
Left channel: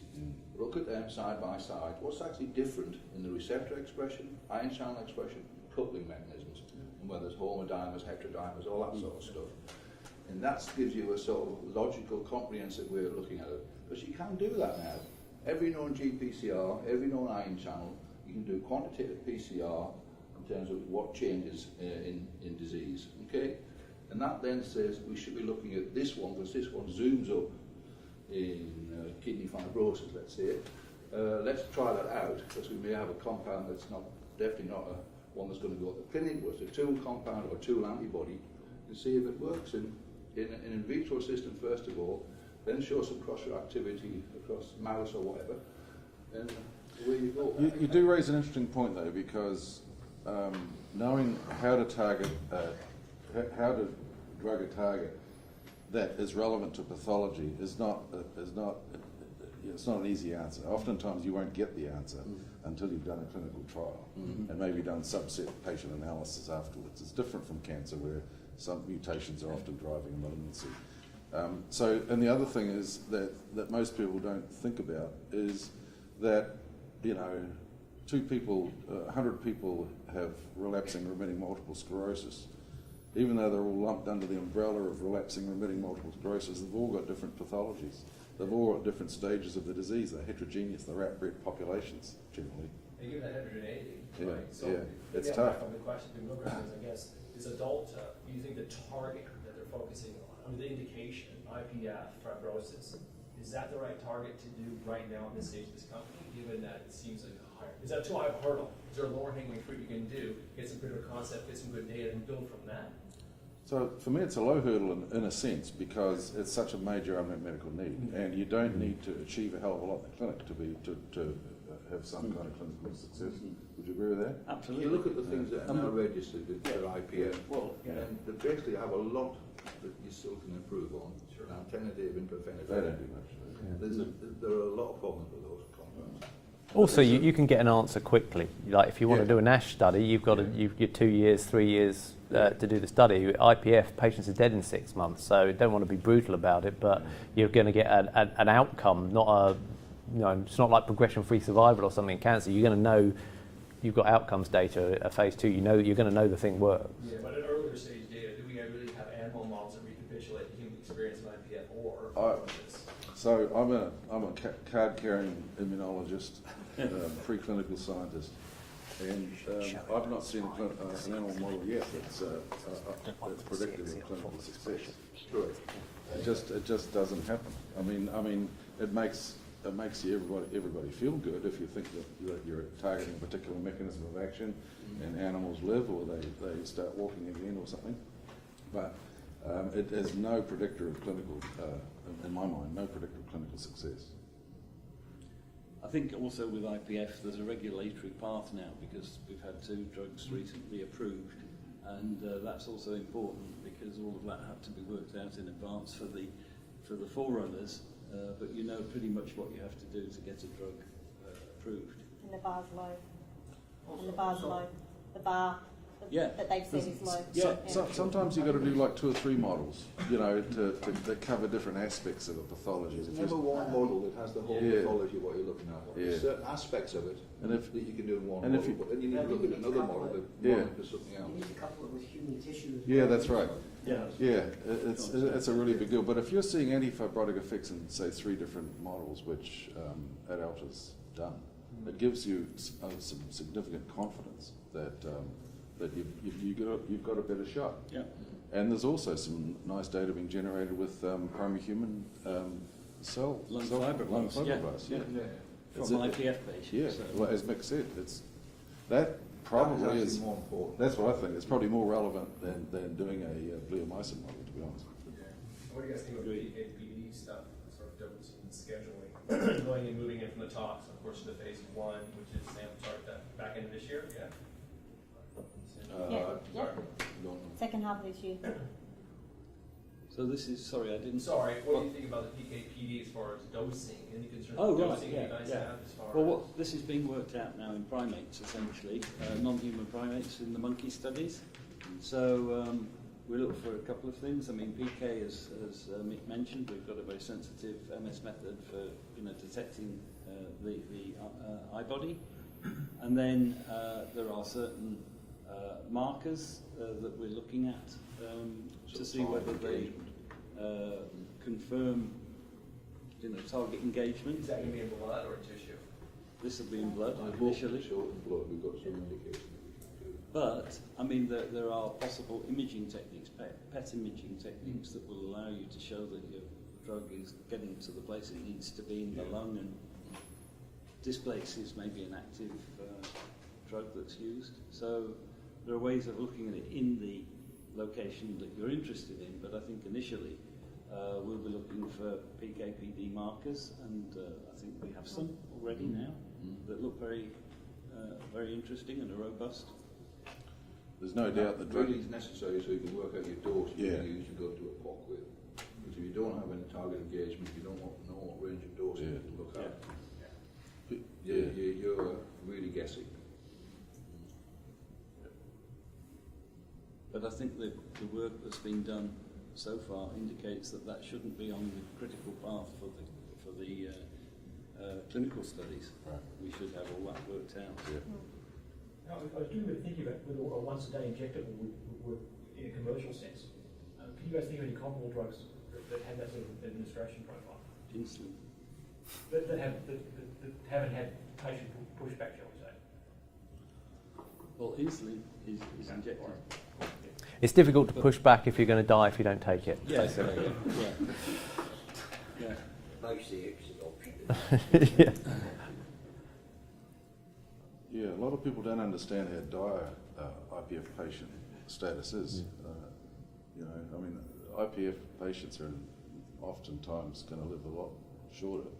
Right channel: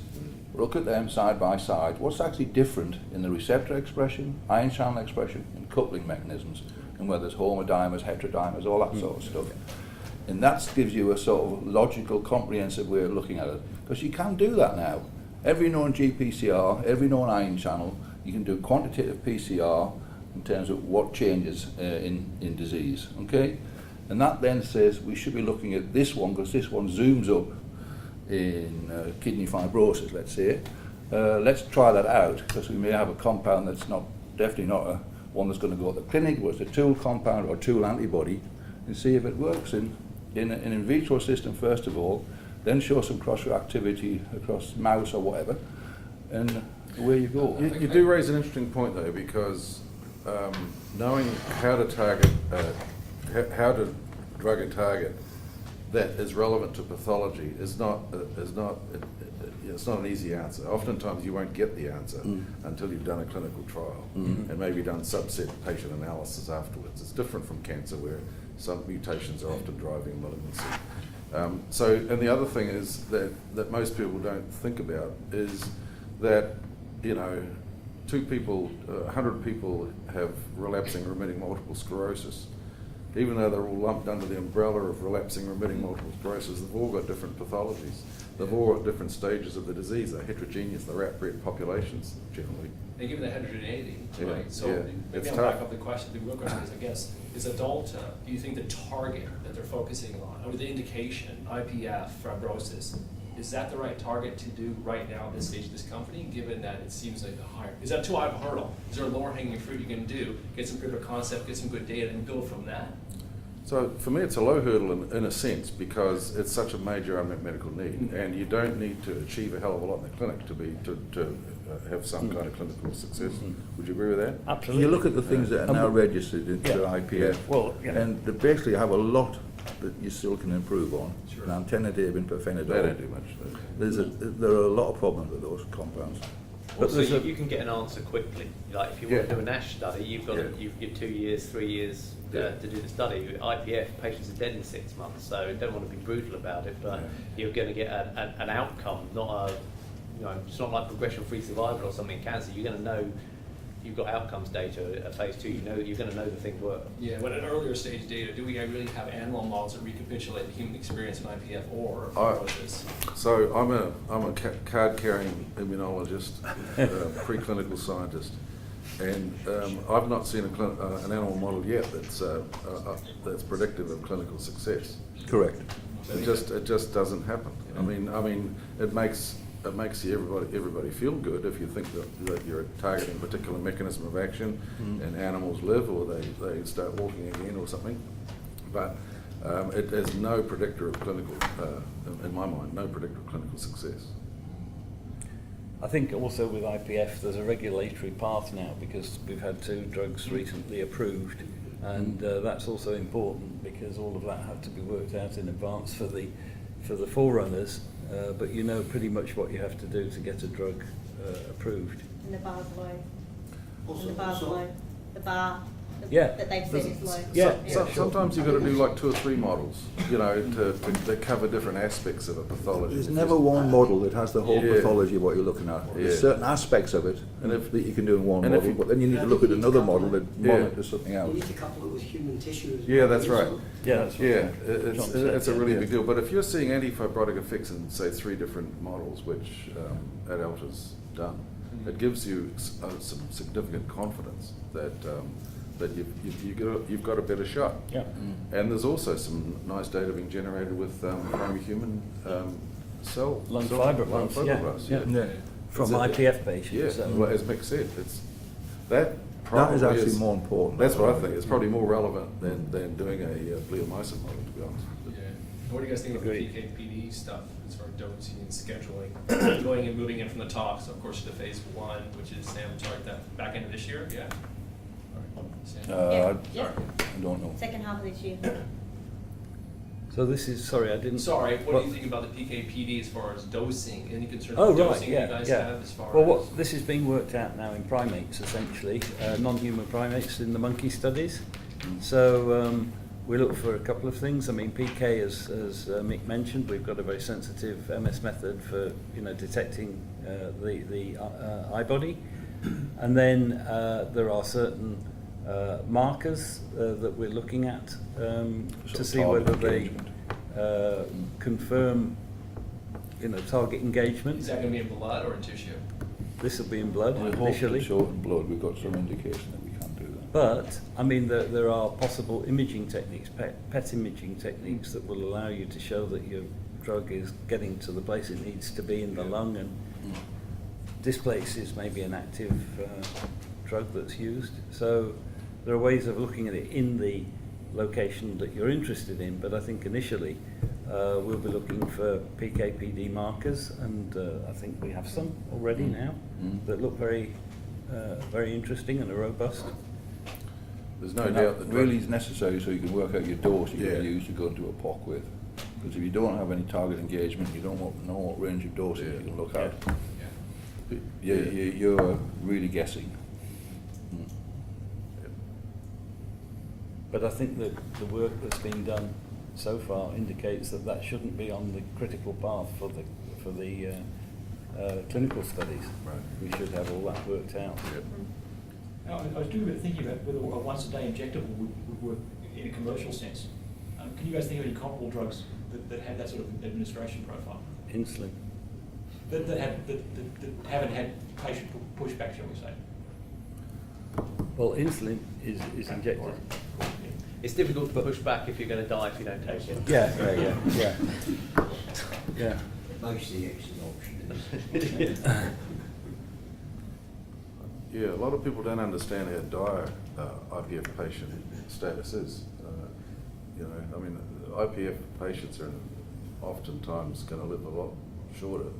Look at them side by side. What's actually different in the receptor expression, ion channel expression, and coupling mechanisms, and whether it's homodimers, heterodimers, all that sort of stuff. And that gives you a sort of logical, comprehensive way of looking at it. Because you can do that now. Every known GPCR, every known ion channel, you can do quantitative PCR in terms of what changes in disease, okay? And that then says we should be looking at this one, because this one zooms up in kidney fibrosis, let's say. Let's try that out, because we may have a compound that's definitely not one that's going to go to the clinic, whether it's a tool compound or tool antibody, and see if it works in an in vitro system first of all, then show some cross-reactivity across mouse or whatever, and away you go. You do raise an interesting point though, because knowing how to target, how to drug a target that is relevant to pathology is not it's not an easy answer. Oftentimes you won't get the answer until you've done a clinical trial and maybe done subset patient analysis afterwards. It's different from cancer where some mutations are often driving malignancy. And the other thing is that most people don't think about is that, 2 people, 100 people have relapsing remitting multiple sclerosis. Even though they're all lumped under the umbrella of relapsing remitting multiple sclerosis, they've all got different pathologies. They've all got different stages of the disease. They're heterogeneous. They're outbred populations generally. And given the heterogeneity, Yeah, right? So yeah, maybe it's I'll back tough. up the question. The real question is, I guess, is AdAlta, do you think the target that they're focusing on, or the indication, IPF, fibrosis, is that the right target to do right now at this stage of this company, given that it seems like a higher, is that too high of a hurdle? Is there a lower hanging fruit you can do, get some proof of concept, get some good data, and build from that? So for me, it's a low hurdle in a sense because it's such a major unmet medical need, and you don't need to achieve a hell of a lot in the clinic to have some kind of clinical success. Would you agree with that? Absolutely. You look at the things that are now registered into IPF, Well, and they basically have a lot that you still can improve on. Sure. Nintedanib and pirfenidone. They don't do much. There are a lot of problems with those compounds. Also, you can get an answer quickly. Like if you want Yeah. to do a NASH study, you've got you've 2 years, 3 years to do the study. IPF patients are dead in 6 months, so you don't want to be brutal about it, but you're going to get an outcome, not a it's not like progression-free survival or something in cancer. You're going to know you've got outcomes data at phase 2. You're going to know the thing works. Yeah, but at earlier stage data, do we really have animal models that recapitulate the human experience in IPF or fibrosis? So I'm a card-carrying immunologist, preclinical scientist, and I've not seen an animal model yet that's predictive of clinical success. Correct. It just doesn't happen. I mean, it makes everybody feel good if you think that you're targeting a particular mechanism of action and animals live or they start walking again or something. But it is no predictor of clinical, in my mind, no predictor of clinical success. I think also with IPF there's a regulatory path now because we've had 2 drugs recently approved, and that's also important because all of that had to be worked out in advance for the forerunners. But you know pretty much what you have to do to get a drug approved. And the bar's low. And the bar's low. The bar Yeah. that they've said is low. Yeah. Sometimes you've got to do like 2 or 3 models, to cover different aspects of a pathology. There's If never you- one model that has the whole Yeah. pathology of what you're looking at. There's Yeah. certain aspects of it And if- that you can do in one and if model, you- but then you need to look at another model that Yeah. monitors something else. You need to couple it with human tissue as well. Yeah, that's right. Yeah, that's what Yeah, John said, it's a really yeah. big deal. But if you're seeing antifibrotic effects in, say, 3 different models, which AdAlta's done, it gives you some significant confidence that you've got a better shot. Yeah. And there's also some nice data being generated with primary human cell Lung cell- fibroblasts, lung fibroblasts, yeah. Yeah. From Is it- IPF patients. Yeah, so- well, as Mick said, that That is probably actually more important. That's what I think. It's probably more relevant than doing a bleomycin model, to be honest. Yeah. And what do you guys think of the Agreed. PK/PD stuff as far as dosing and scheduling, going and moving in from the talks, of course, to phase 1, which is Sam, start that back into this year, yeah? Sam? Yeah. I don't know. Second half of this year. So this is, sorry, I didn't. Sorry, what do you think about the PK/PD as far as dosing? Any concerns Oh, with right, dosing yeah, you guys yeah. have as far Well, as? this is being worked out now in primates, essentially, non-human primates in the monkey studies. So we look for a couple of things. I mean, PK, as Mick mentioned, we've got a very sensitive MS method for detecting the eye body, and then there are certain markers that we're looking at to see target whether they engagement. confirm target engagement. Is that going to be in blood or in tissue? This will be in blood I hope initially. so in blood. We've got some indication that we can do that. But, I mean, there are possible imaging techniques, PET imaging techniques that will allow you to show that your drug is getting to the place it needs to be in the lung and displaces maybe an active drug that's used. So there are ways of looking at it in the location that you're interested in, but I think initially we'll be looking for PK/PD markers, and I think we have some already now that look very interesting and are robust. There's no And doubt that that really is necessary so you can work out your dose you're going to Yeah. use to go to a POC with. Because if you don't have any target engagement, you don't know what range of doses Yeah. you can look at. Yeah. You're really guessing. But I think that the work that's been done so far indicates that that shouldn't be on the critical path for the clinical studies. Right. We should have all that worked out. Yeah. I was doing a bit of thinking about whether a once-a-day injectable would work in a commercial sense. Can you guys think of any comparable drugs that have that sort of administration profile? Insulin. That haven't had patient pushback, shall we say? Well, insulin is injected. It's difficult to push back if you're going to die if you don't take it. Yeah. Most of the exit option. Yeah, a lot of people don't understand how dire IPF patient status is. IPF patients are oftentimes going to live a lot shorter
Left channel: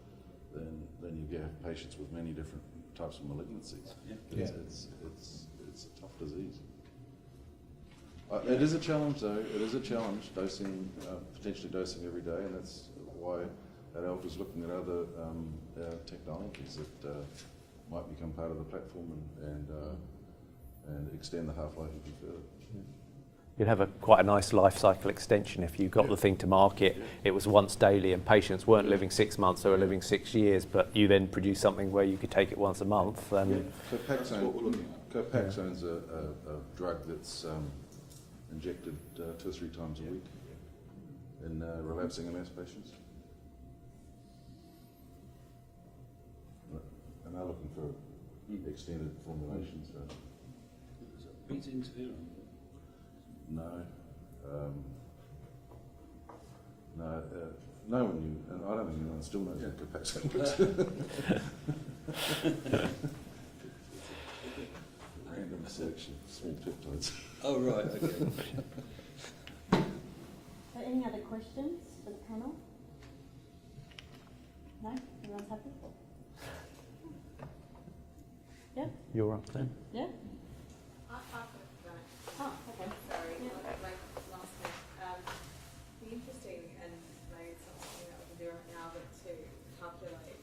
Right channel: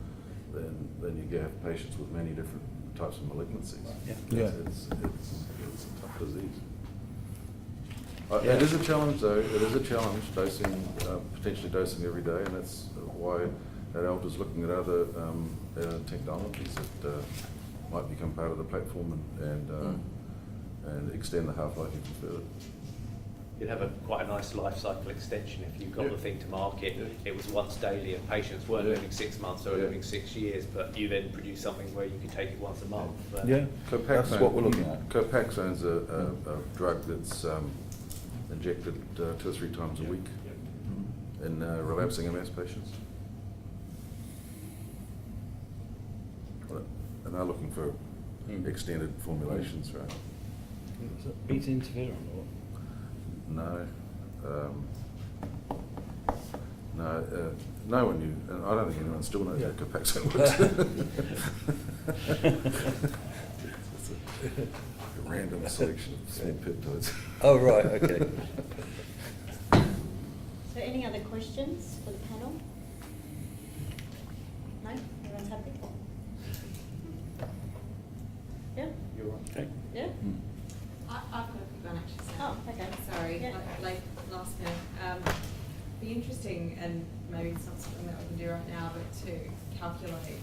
than you have patients with many different types of malignancies. Yeah. It's a tough disease. It is a challenge, though. It is a challenge potentially dosing every day, and that's why AdAlta is looking at other technologies that might become part of the platform and extend the half-life even further. You'd have quite a nice life cycle extension if you got the thing to market. It was once daily and patients weren't living 6 months, they were living 6 years, but you then produce something where you could take it once a month. That's what we're looking at. Copaxone's a drug that's injected 2 or 3 times a week in relapsing MS patients. And they're looking for extended formulations, right? Beta interferon or what? No one knew, and I don't think anyone still knows how Copaxone works. A random selection of small peptides. Oh, right, okay. So any other questions for the panel? No? Everyone's happy? Yeah? You're right. Okay. Yeah? I've got one actually. Oh, okay. Sorry, Yeah. like last minute. Be interesting, and maybe it's not something that we can do right now, but to calculate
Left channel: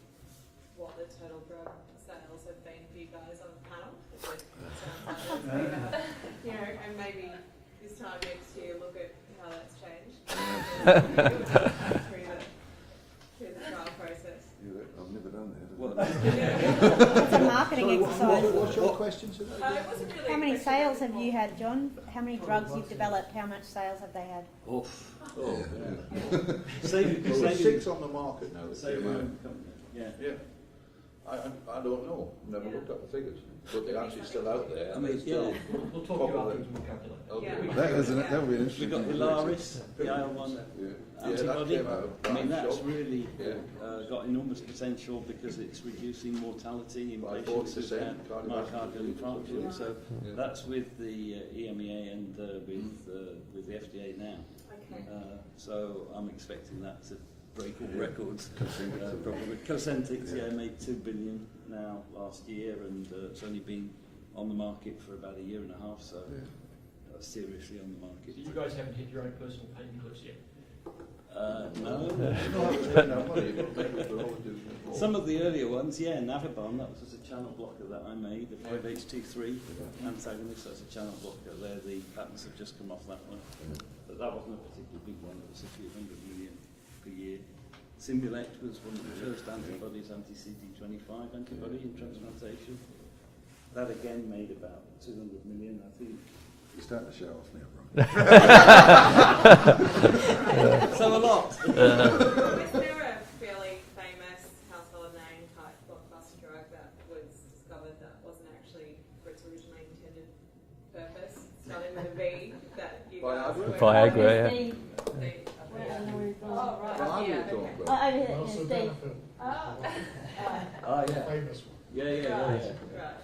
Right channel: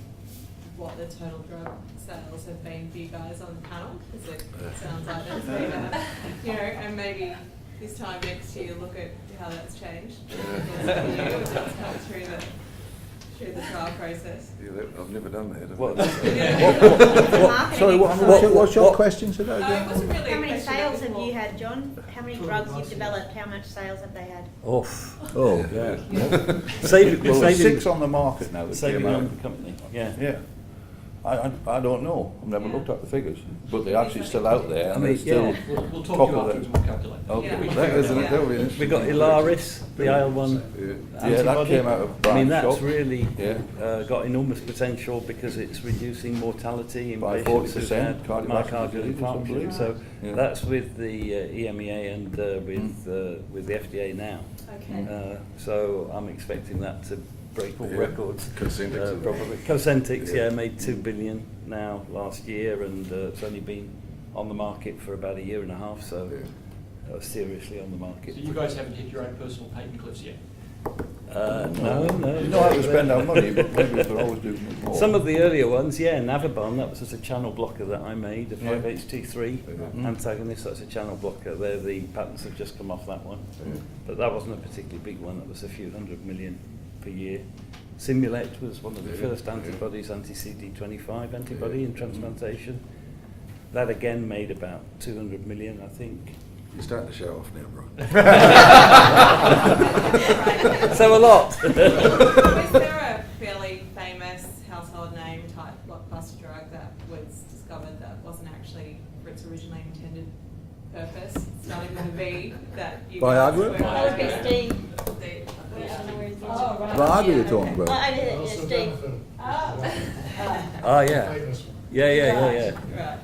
what the total drug sales have been for you guys on the panel, because it sounds like there's been and maybe this time next year look at how that's changed through the trial process. Yeah, I've never done that. Sorry, what's your question today? It wasn't really How a many question, sales it was have more- you had, John? How many drugs you've developed? How much sales have they had? Oh, Yeah. Well, Saving there's 6 on the market now that saving came out. on the company. Yeah. Yeah. I don't know. I've never looked at the figures, but they're actually still out there, and they're still We'll talk top to you of afterwards, the. we'll calculate. Okay. Yeah. That'll be interesting. We got Ilaris, the IL-1 Yeah, that antibody. came out of I mean, Brian that's Shop. really Yeah. got enormous potential because it's reducing mortality in By patients who've 40%, had cardiovascular myocardial disease or something. infarction. So Yeah. that's with the EMEA and with the FDA now. Okay. So I'm expecting that to break all records. Cosentyx. Probably. Cosentyx, made 2 billion now last year, and it's only been on the market for about 1.5 years, so seriously on the market. So you guys haven't hit your own personal patent cliffs yet? No. You know how to spend our money, but maybe we could always do more. Some of the earlier ones, Navabon, that was just a channel blocker that I made, a 5-HT3 antagonist, that's a channel blocker. The patents have just come off that one. But that wasn't a particularly big one, that was a few $100 million per year. Simulate was one of the first antibodies, anti-CD25 antibody in transplantation. That again made about 200 million, I think. You're starting to show off now, bro. So a lot. Is there a fairly famous household name type blockbuster drug that was discovered that wasn't actually for its originally intended purpose? It started with a V that you Viagra? LSD. Viagra you're talking about? LSD. Oh, yeah. Yeah. Right.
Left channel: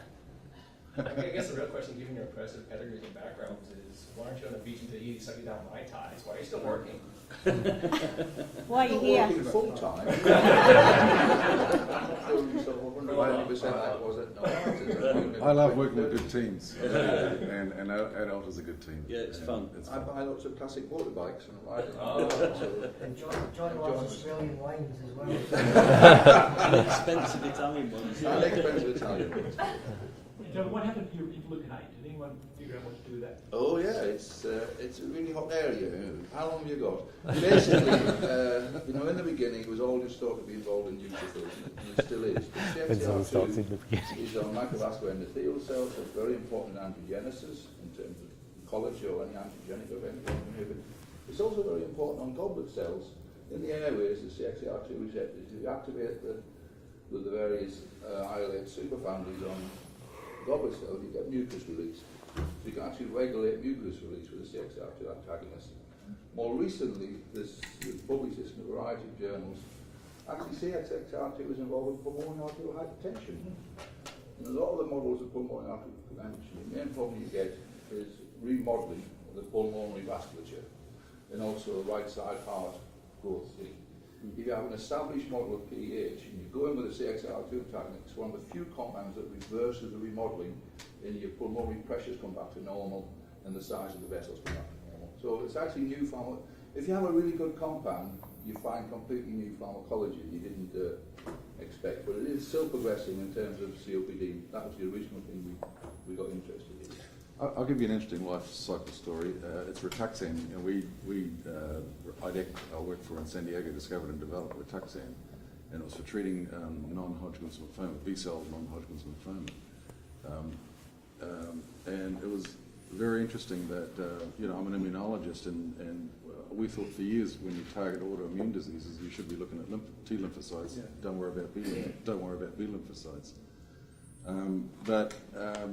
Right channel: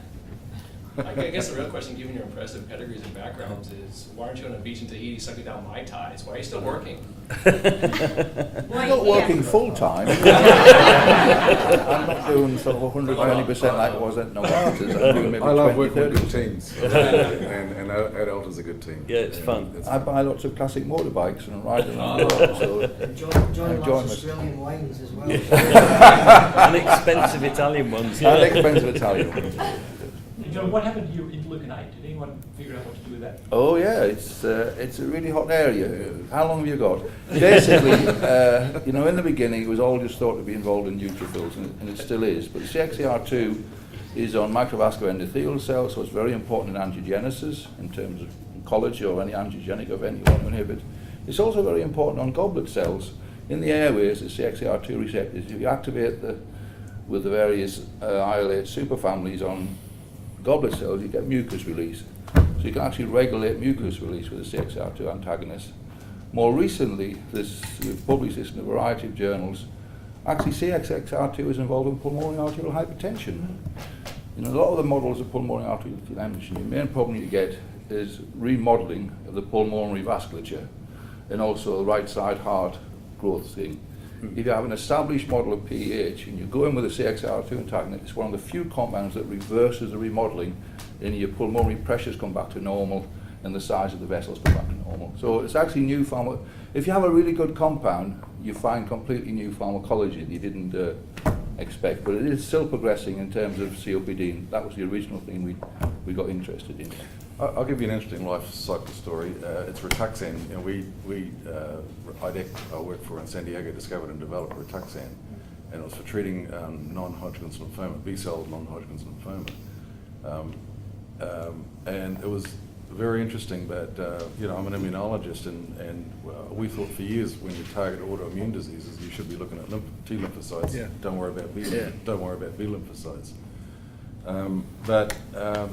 I guess the real question, given your impressive pedigrees and backgrounds, is why aren't you on a beach in Tahiti sucking down Mai Tais? Why are you still working? I'm not working full time. I'm not doing sort of 120% like I was at Novartis. I'm doing maybe I love 20, working with 30%. good teams, and AdAlta's a good team. Yeah, it's fun. I buy lots of classic motorbikes and ride them around the world, so John enjoy loves it. Australian wines as well. And expensive Italian ones. I like expensive Italian ones. John, what happened to your interleukin-8? Did anyone figure out what to do with that? Oh yeah, it's a really hot area. How long have you got? Basically, in the beginning it was all just thought to be involved in neutrophils, and it still is. But CXCR2 is on microvascular endothelial cells, so it's very important in angiogenesis in terms of oncology or any angiogenic event you want to inhibit. It's also very important on goblet cells. In the airways, the CXCR2 receptors, if you activate with the various IL-8 superfamilies on goblet cells, you get mucus release. So you can actually regulate mucus release with a CXCR2 antagonist. More recently, we've published this in a variety of journals. Actually, CXCR2 is involved in pulmonary arterial hypertension. In a lot of the models of pulmonary arterial hypertension, the main problem you get is remodeling of the pulmonary vasculature and also the right side heart growth thing. If you have an established model of PAH and you go in with a CXCR2 antagonist, it's one of the few compounds that reverses the remodeling, and your pulmonary pressures come back to normal and the size of the vessels come back to normal. So it's actually new if you have a really good compound, you find completely new pharmacology that you didn't expect. But it is still progressing in terms of COPD, and that was the original thing we got interested in. I'll give you an interesting life cycle story. It's Rituxan. I worked for in San Diego, discovered and developed Rituxan, and it was for treating non-Hodgkin's lymphoma, B-cell non-Hodgkin's lymphoma. And it was very interesting that, I'm an immunologist, and we thought for years when you target autoimmune diseases, you should be looking at T lymphocytes. Yeah. Don't worry about B lymphocytes. But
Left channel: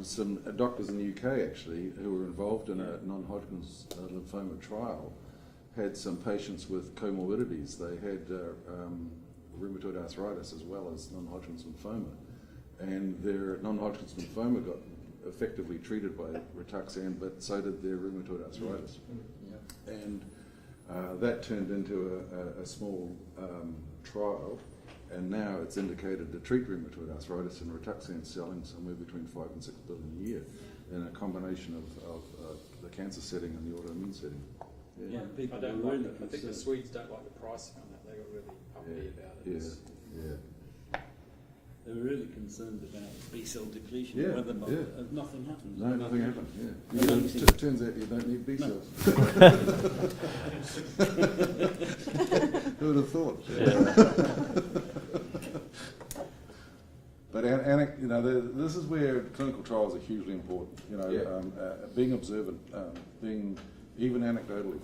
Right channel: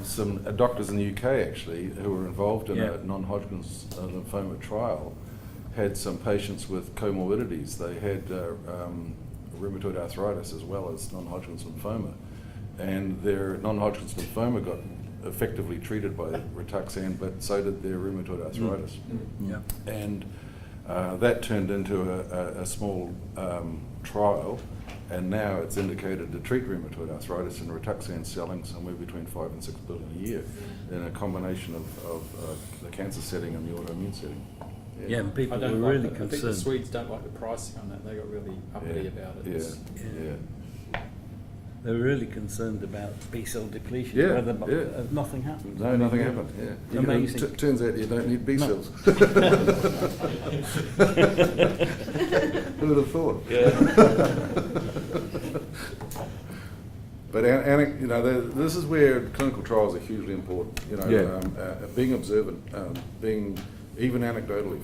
some doctors in the UK actually who were involved in a non-Hodgkin's lymphoma trial had some patients with comorbidities. They had rheumatoid arthritis as well as non-Hodgkin's lymphoma, and their non-Hodgkin's lymphoma got effectively treated by Rituxan, but so did their rheumatoid arthritis. Yeah. And that turned into a small trial. And now it's indicated to treat rheumatoid arthritis, and Rituxan selling somewhere between $5 and $6 billion a year in a combination of the cancer setting and the autoimmune setting. Yeah, and people I were don't really like I think the concerned. Swedes don't like the pricing on that. They got really uppity about it. It's- They were really concerned about B-cell depletion. Yeah, whether yeah. Nothing happened. No, nothing happened. Yeah, Amazing. Turns out you don't need B cells. Who would have thought? But this is where clinical trials are hugely important. Being observant, being even anecdotally.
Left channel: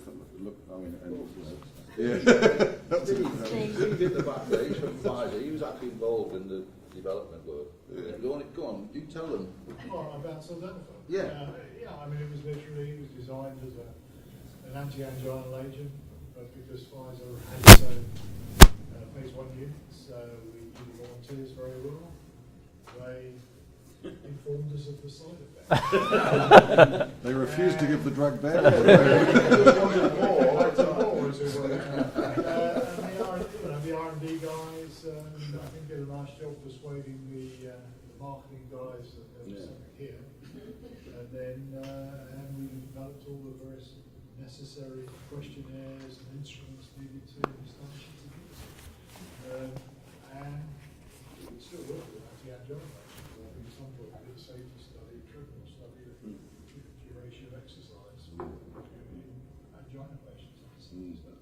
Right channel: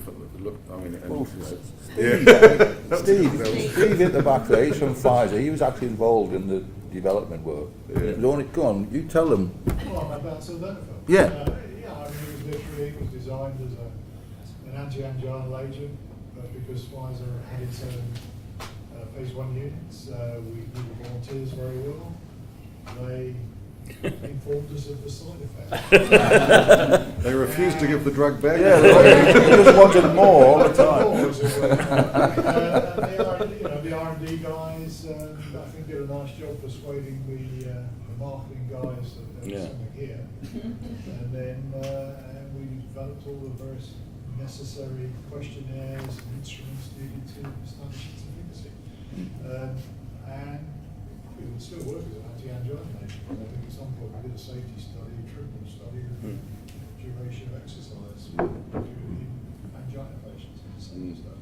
Steve at the back there, he's from Pfizer. He was actually involved in the development work. Go on, you tell them. Well, about sildenafil. Yeah. It was designed as an anti-anginal agent, but because Pfizer had its own phase 1 units, we knew the volunteers very well. They informed us of the side effects. They refused to give the drug back. They just wanted more all the time. The R&D guys, I think, did a nice job persuading the marketing guys that there was something here. And then we developed all the various necessary questionnaires and instruments needed to establish its efficacy. And we still work with anti-anginal agents. I think at some point we did a safety study, treatment study, duration of exercise in angina patients and stuff.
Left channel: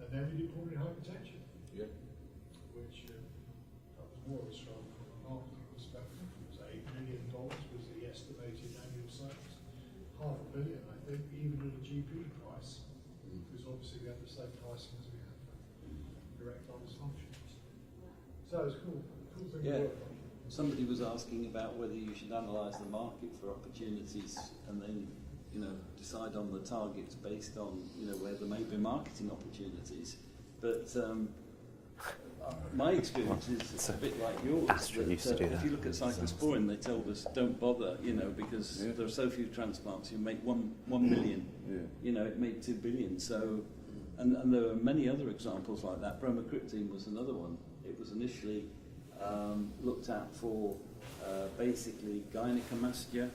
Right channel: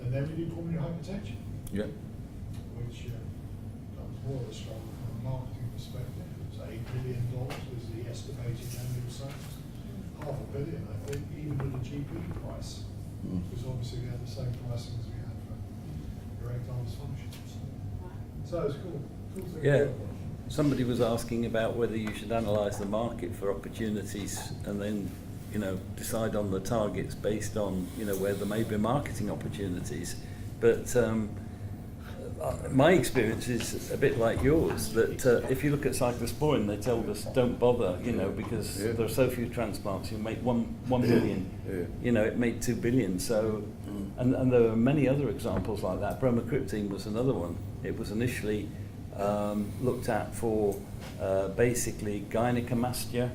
And then we did pulmonary hypertension, which that was more of a struggle from a marketing perspective. So $8 billion was the estimated annual sales. $500 million, I think, even at a GP price, because obviously we had the same pricing as we had for erectile dysfunction. So it's cool. Cool thing to Yeah. work on. Somebody was asking about whether you should analyse the market for opportunities and then, decide on the targets based on, where there may be marketing opportunities. But My experience is a bit like yours, that if you look at cyclosporin, they told us don't bother, because there are so few transplants, you make one million, it made 2 billion, so, and there are many other examples like that. Bromocriptine was another one. It was initially looked at for basically gynecomastia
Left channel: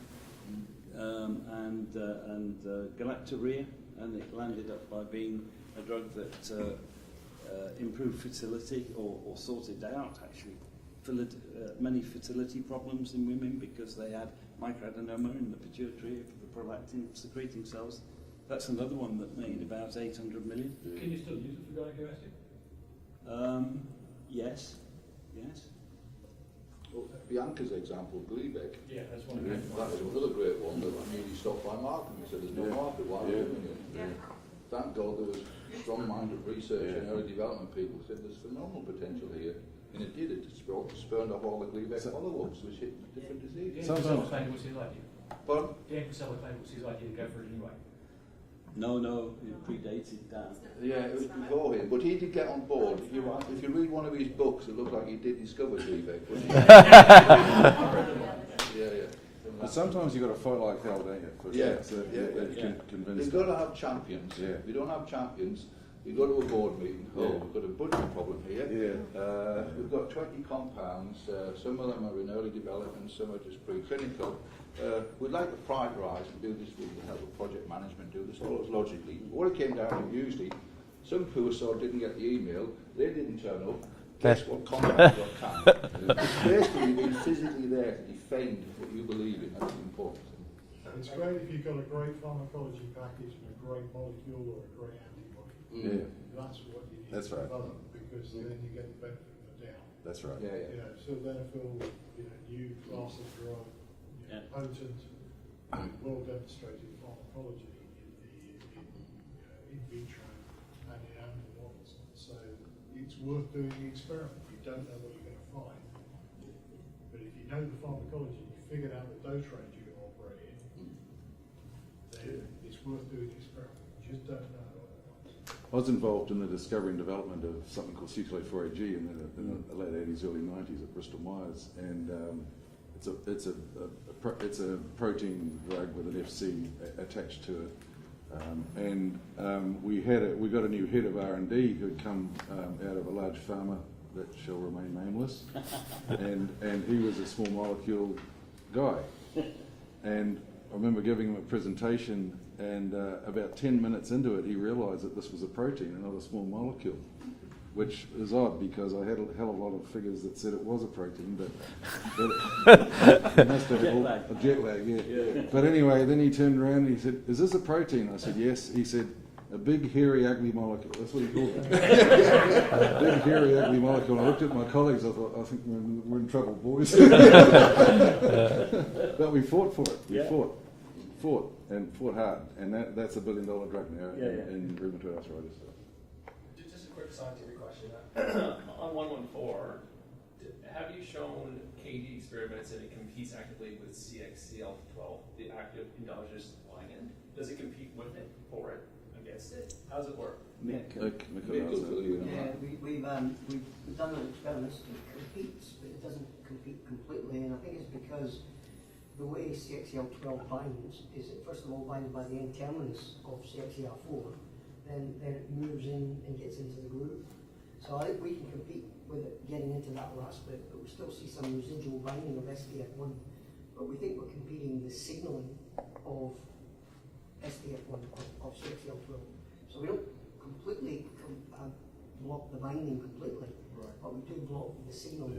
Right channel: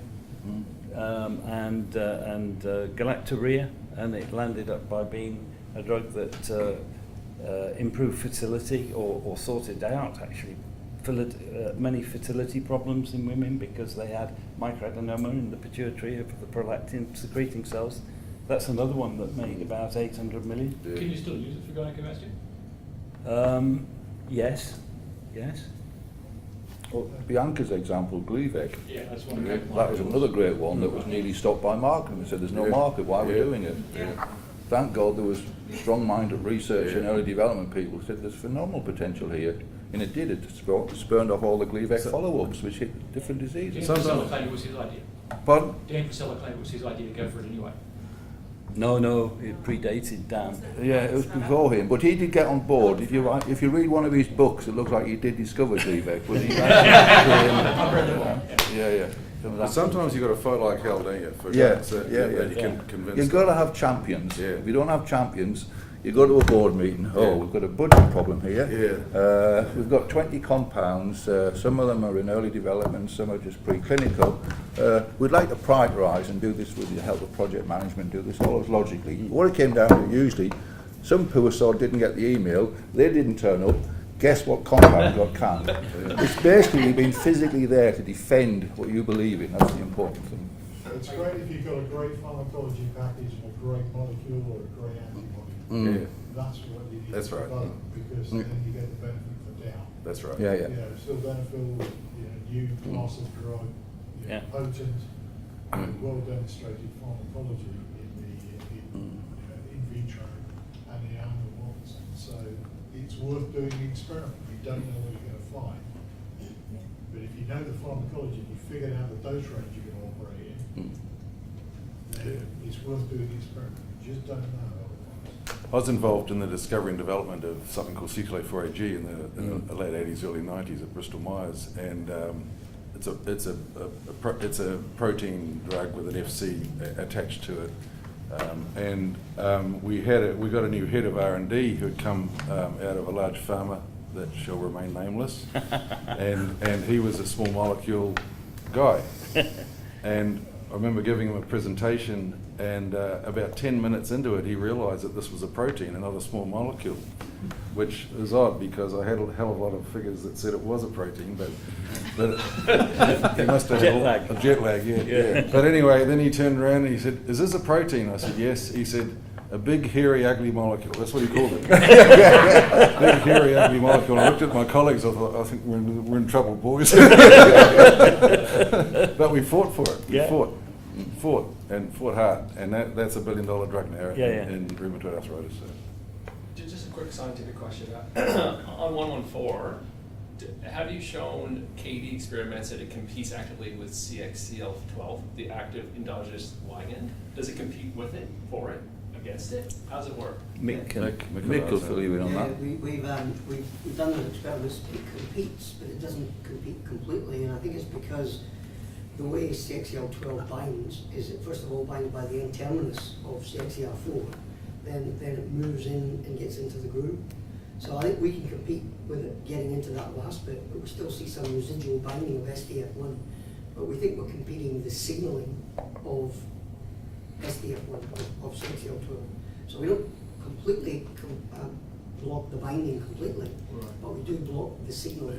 and galactorrhea, and it landed up by being a drug that improved fertility or sorted out actually many fertility problems in women because they had microadenoma in the pituitary of the prolactin secreting cells. That's another one that made about 800 million. Can you still use it for gynecomastia? Yes. Well, Bianca's example, Gleevec, Yeah, that's one. that was another great one that was nearly stopped by market. We said there's no market, why are we doing it? Thank God there was strong-minded research and early development people who said there's phenomenal potential here. And it did, it spurned off all the Gleevec follow-ups which hit different diseases. Dan Priscilla claimed it was his idea. Pardon? Dan Priscilla claimed it was his idea to go for it anyway. No, it predated Dan. Yeah, it was before him, but he did get on board. If you read one of his books, it looks like he did discover Gleevec. But he, yeah. But sometimes you've got to fight like hell, don't you? You can convince You've got to have champions. Yeah. If you don't have champions, you go to a board meeting, we've got a budget problem here. We've got 20 compounds, some of them are in early development, some are just preclinical. We'd like to prioritise and do this with the help of project management, do this all logically. What it came down to usually, some poor sod didn't get the email, they didn't turn up, guess what compound got canned? It's basically been physically there to defend what you believe in, that's the important thing. It's great if you've got a great pharmacology package and a great molecule or a great antibody. That's what you need to develop, because then you get the benefit of the doubt. That's right. Still benefit, new class of drug, potent, well demonstrated pharmacology in in vitro and in animal models. So it's worth doing the experiment. You don't know what you're going to find, but if you know the pharmacology and you figured out the dose range you're going to operate in, then it's worth doing the experiment. You just don't know. I was involved in the discovery and development of something called CTLA-4AG in the late 80s, early 90s at Bristol Myers, and it's a protein drug with an FC attached to it, we got a new head of R&D who had come out of a large pharma that shall remain nameless, and he was a small molecule guy, and I remember giving him a presentation, and about 10 minutes into it, he realised that this was a protein and not a small molecule, which is odd because I had a hell of a lot of figures that said it was a protein, but he must have had a jet lag, yeah. But anyway, then he turned around and he said, "Is this a protein?" I said, "Yes." He said, "A big, hairy, ugly molecule." That's what he called it. Big, hairy, ugly molecule. I looked at my colleagues, I thought, I think we're in trouble, boys. But we fought for it. We fought hard. And that's $1 billion drug now in rheumatoid arthritis. So. Just a quick scientific question. On 114, have you shown KD experiments that it competes actively with CXCL12, the active endogenous ligand? Does it compete with it, for it? Against it? How does it work? Mick will fill you in on that. We've done those experiments. It competes, but it doesn't compete completely, and I think it's because the way CXCL12 binds is it first of all binds by the N-terminus of CXCR4, then it moves in and gets into the groove. So I think we can compete with it getting into that last bit, but we still see some residual binding of SDF1. But we think we're competing the signaling of SDF1 of CXCL12. So we don't completely block the binding completely, but we do block the signal.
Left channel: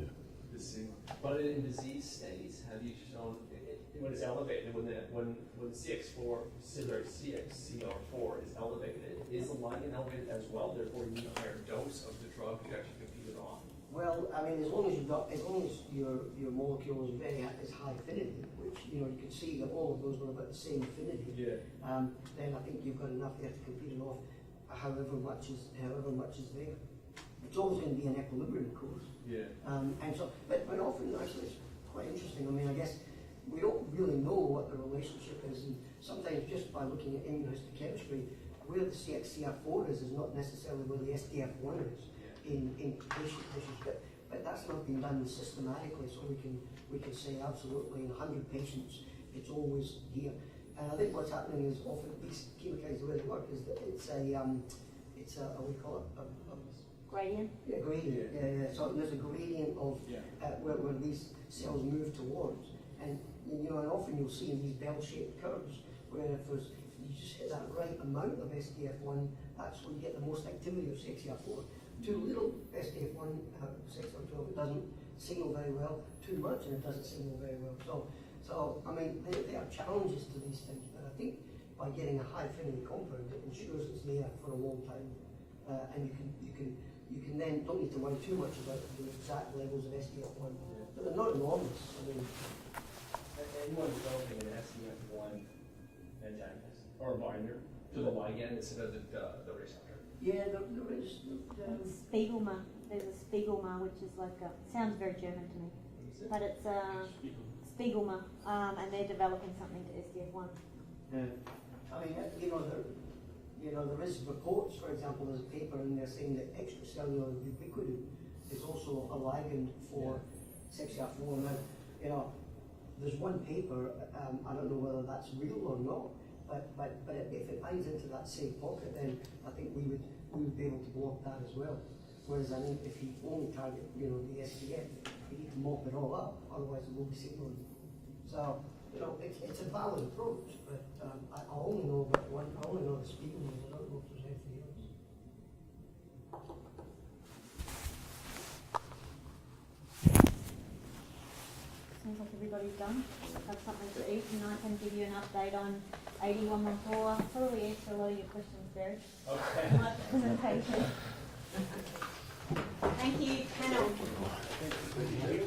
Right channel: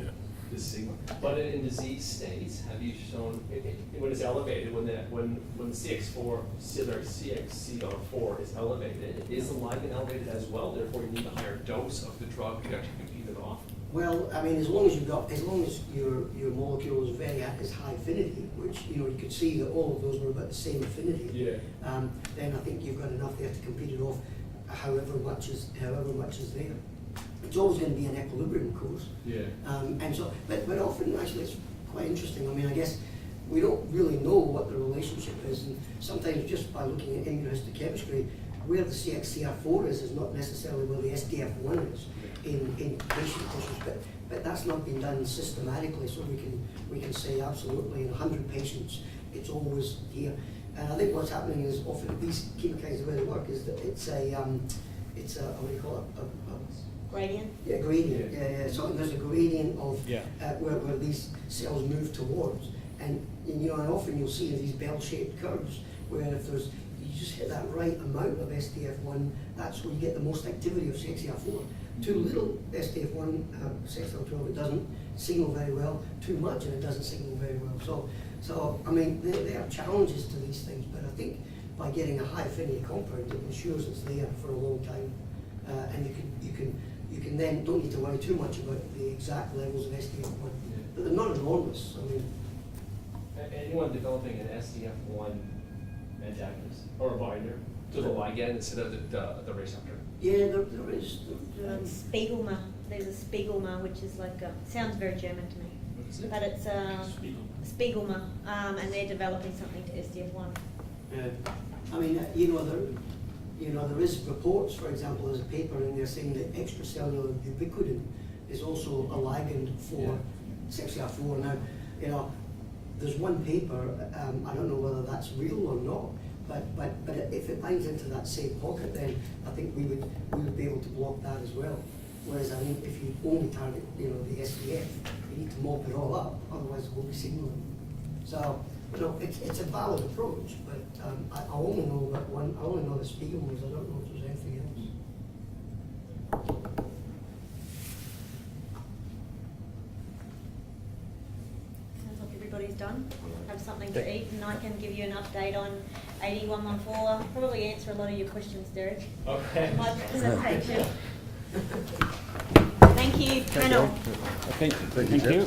The signal. But in disease states, have you shown when it's elevated, when CXCR4 is elevated, is the ligand elevated as well? Therefore, you need a higher dose of the drug to actually compete it off. Well, I mean, as long as your molecule is is high affinity, which you could see that all of those were about the same affinity. Then I think you've got enough there to compete it off, however much is there. It's always going to be an equilibrium, of course. And so, but often actually it's quite interesting. I mean, I guess we don't really know what the relationship is, and sometimes just by looking at immunohistochemistry, where the CXCR4 is not necessarily where the SDF1 is. in patient tissues, but that's not been done systematically, so we can say absolutely in 100 patients it's always here. And I think what's happening is often these chemokines, the way they work is that it's a what do you call it? Gradient? Yeah, gradient. Yeah. So there's a gradient of where these cells move towards, and you know, and often you'll see in these bell-shaped curves where if there's you just hit that right amount of STF1, that's where you get the most activity of CXCR4. Too little STF1, CXCR12, it doesn't signal very well. Too much, and it doesn't signal very well. So I mean, there are challenges to these things, but I think by getting a high affinity compound, it ensures it's there for a long time, and you can then don't need to worry too much about the exact levels of STF1, but they're not enormous. I mean, anyone developing an STF1 antagonist or a binder to the ligand instead of the receptor? Yeah, there is. Spiegelma. There's a Spiegelma, which is like sounds very German to me. What is it? But it's Spiegelma, and they're developing something to STF1. Yeah. I mean, there is reports, for example, there's a paper in there saying that extracellular ubiquitin is also a ligand for CXCR4. Now, you know, there's one paper, I don't know whether that's real or not, but if it binds into that same pocket, then I think we would be able to block that as well. Whereas, I mean, if you only target, you know, the SDF, you need to mop it all up, otherwise it will be signaling. So, you know, it's a valid approach, but I only know about one. I only know the Spiegelmans. I don't know if there's anything else. Sounds like everybody's done. Have something to eat, and I can give you an update on 8114. I'll probably answer a lot of your questions, Derek. Okay. My presentation. Thank you, panel. Okay, thank you.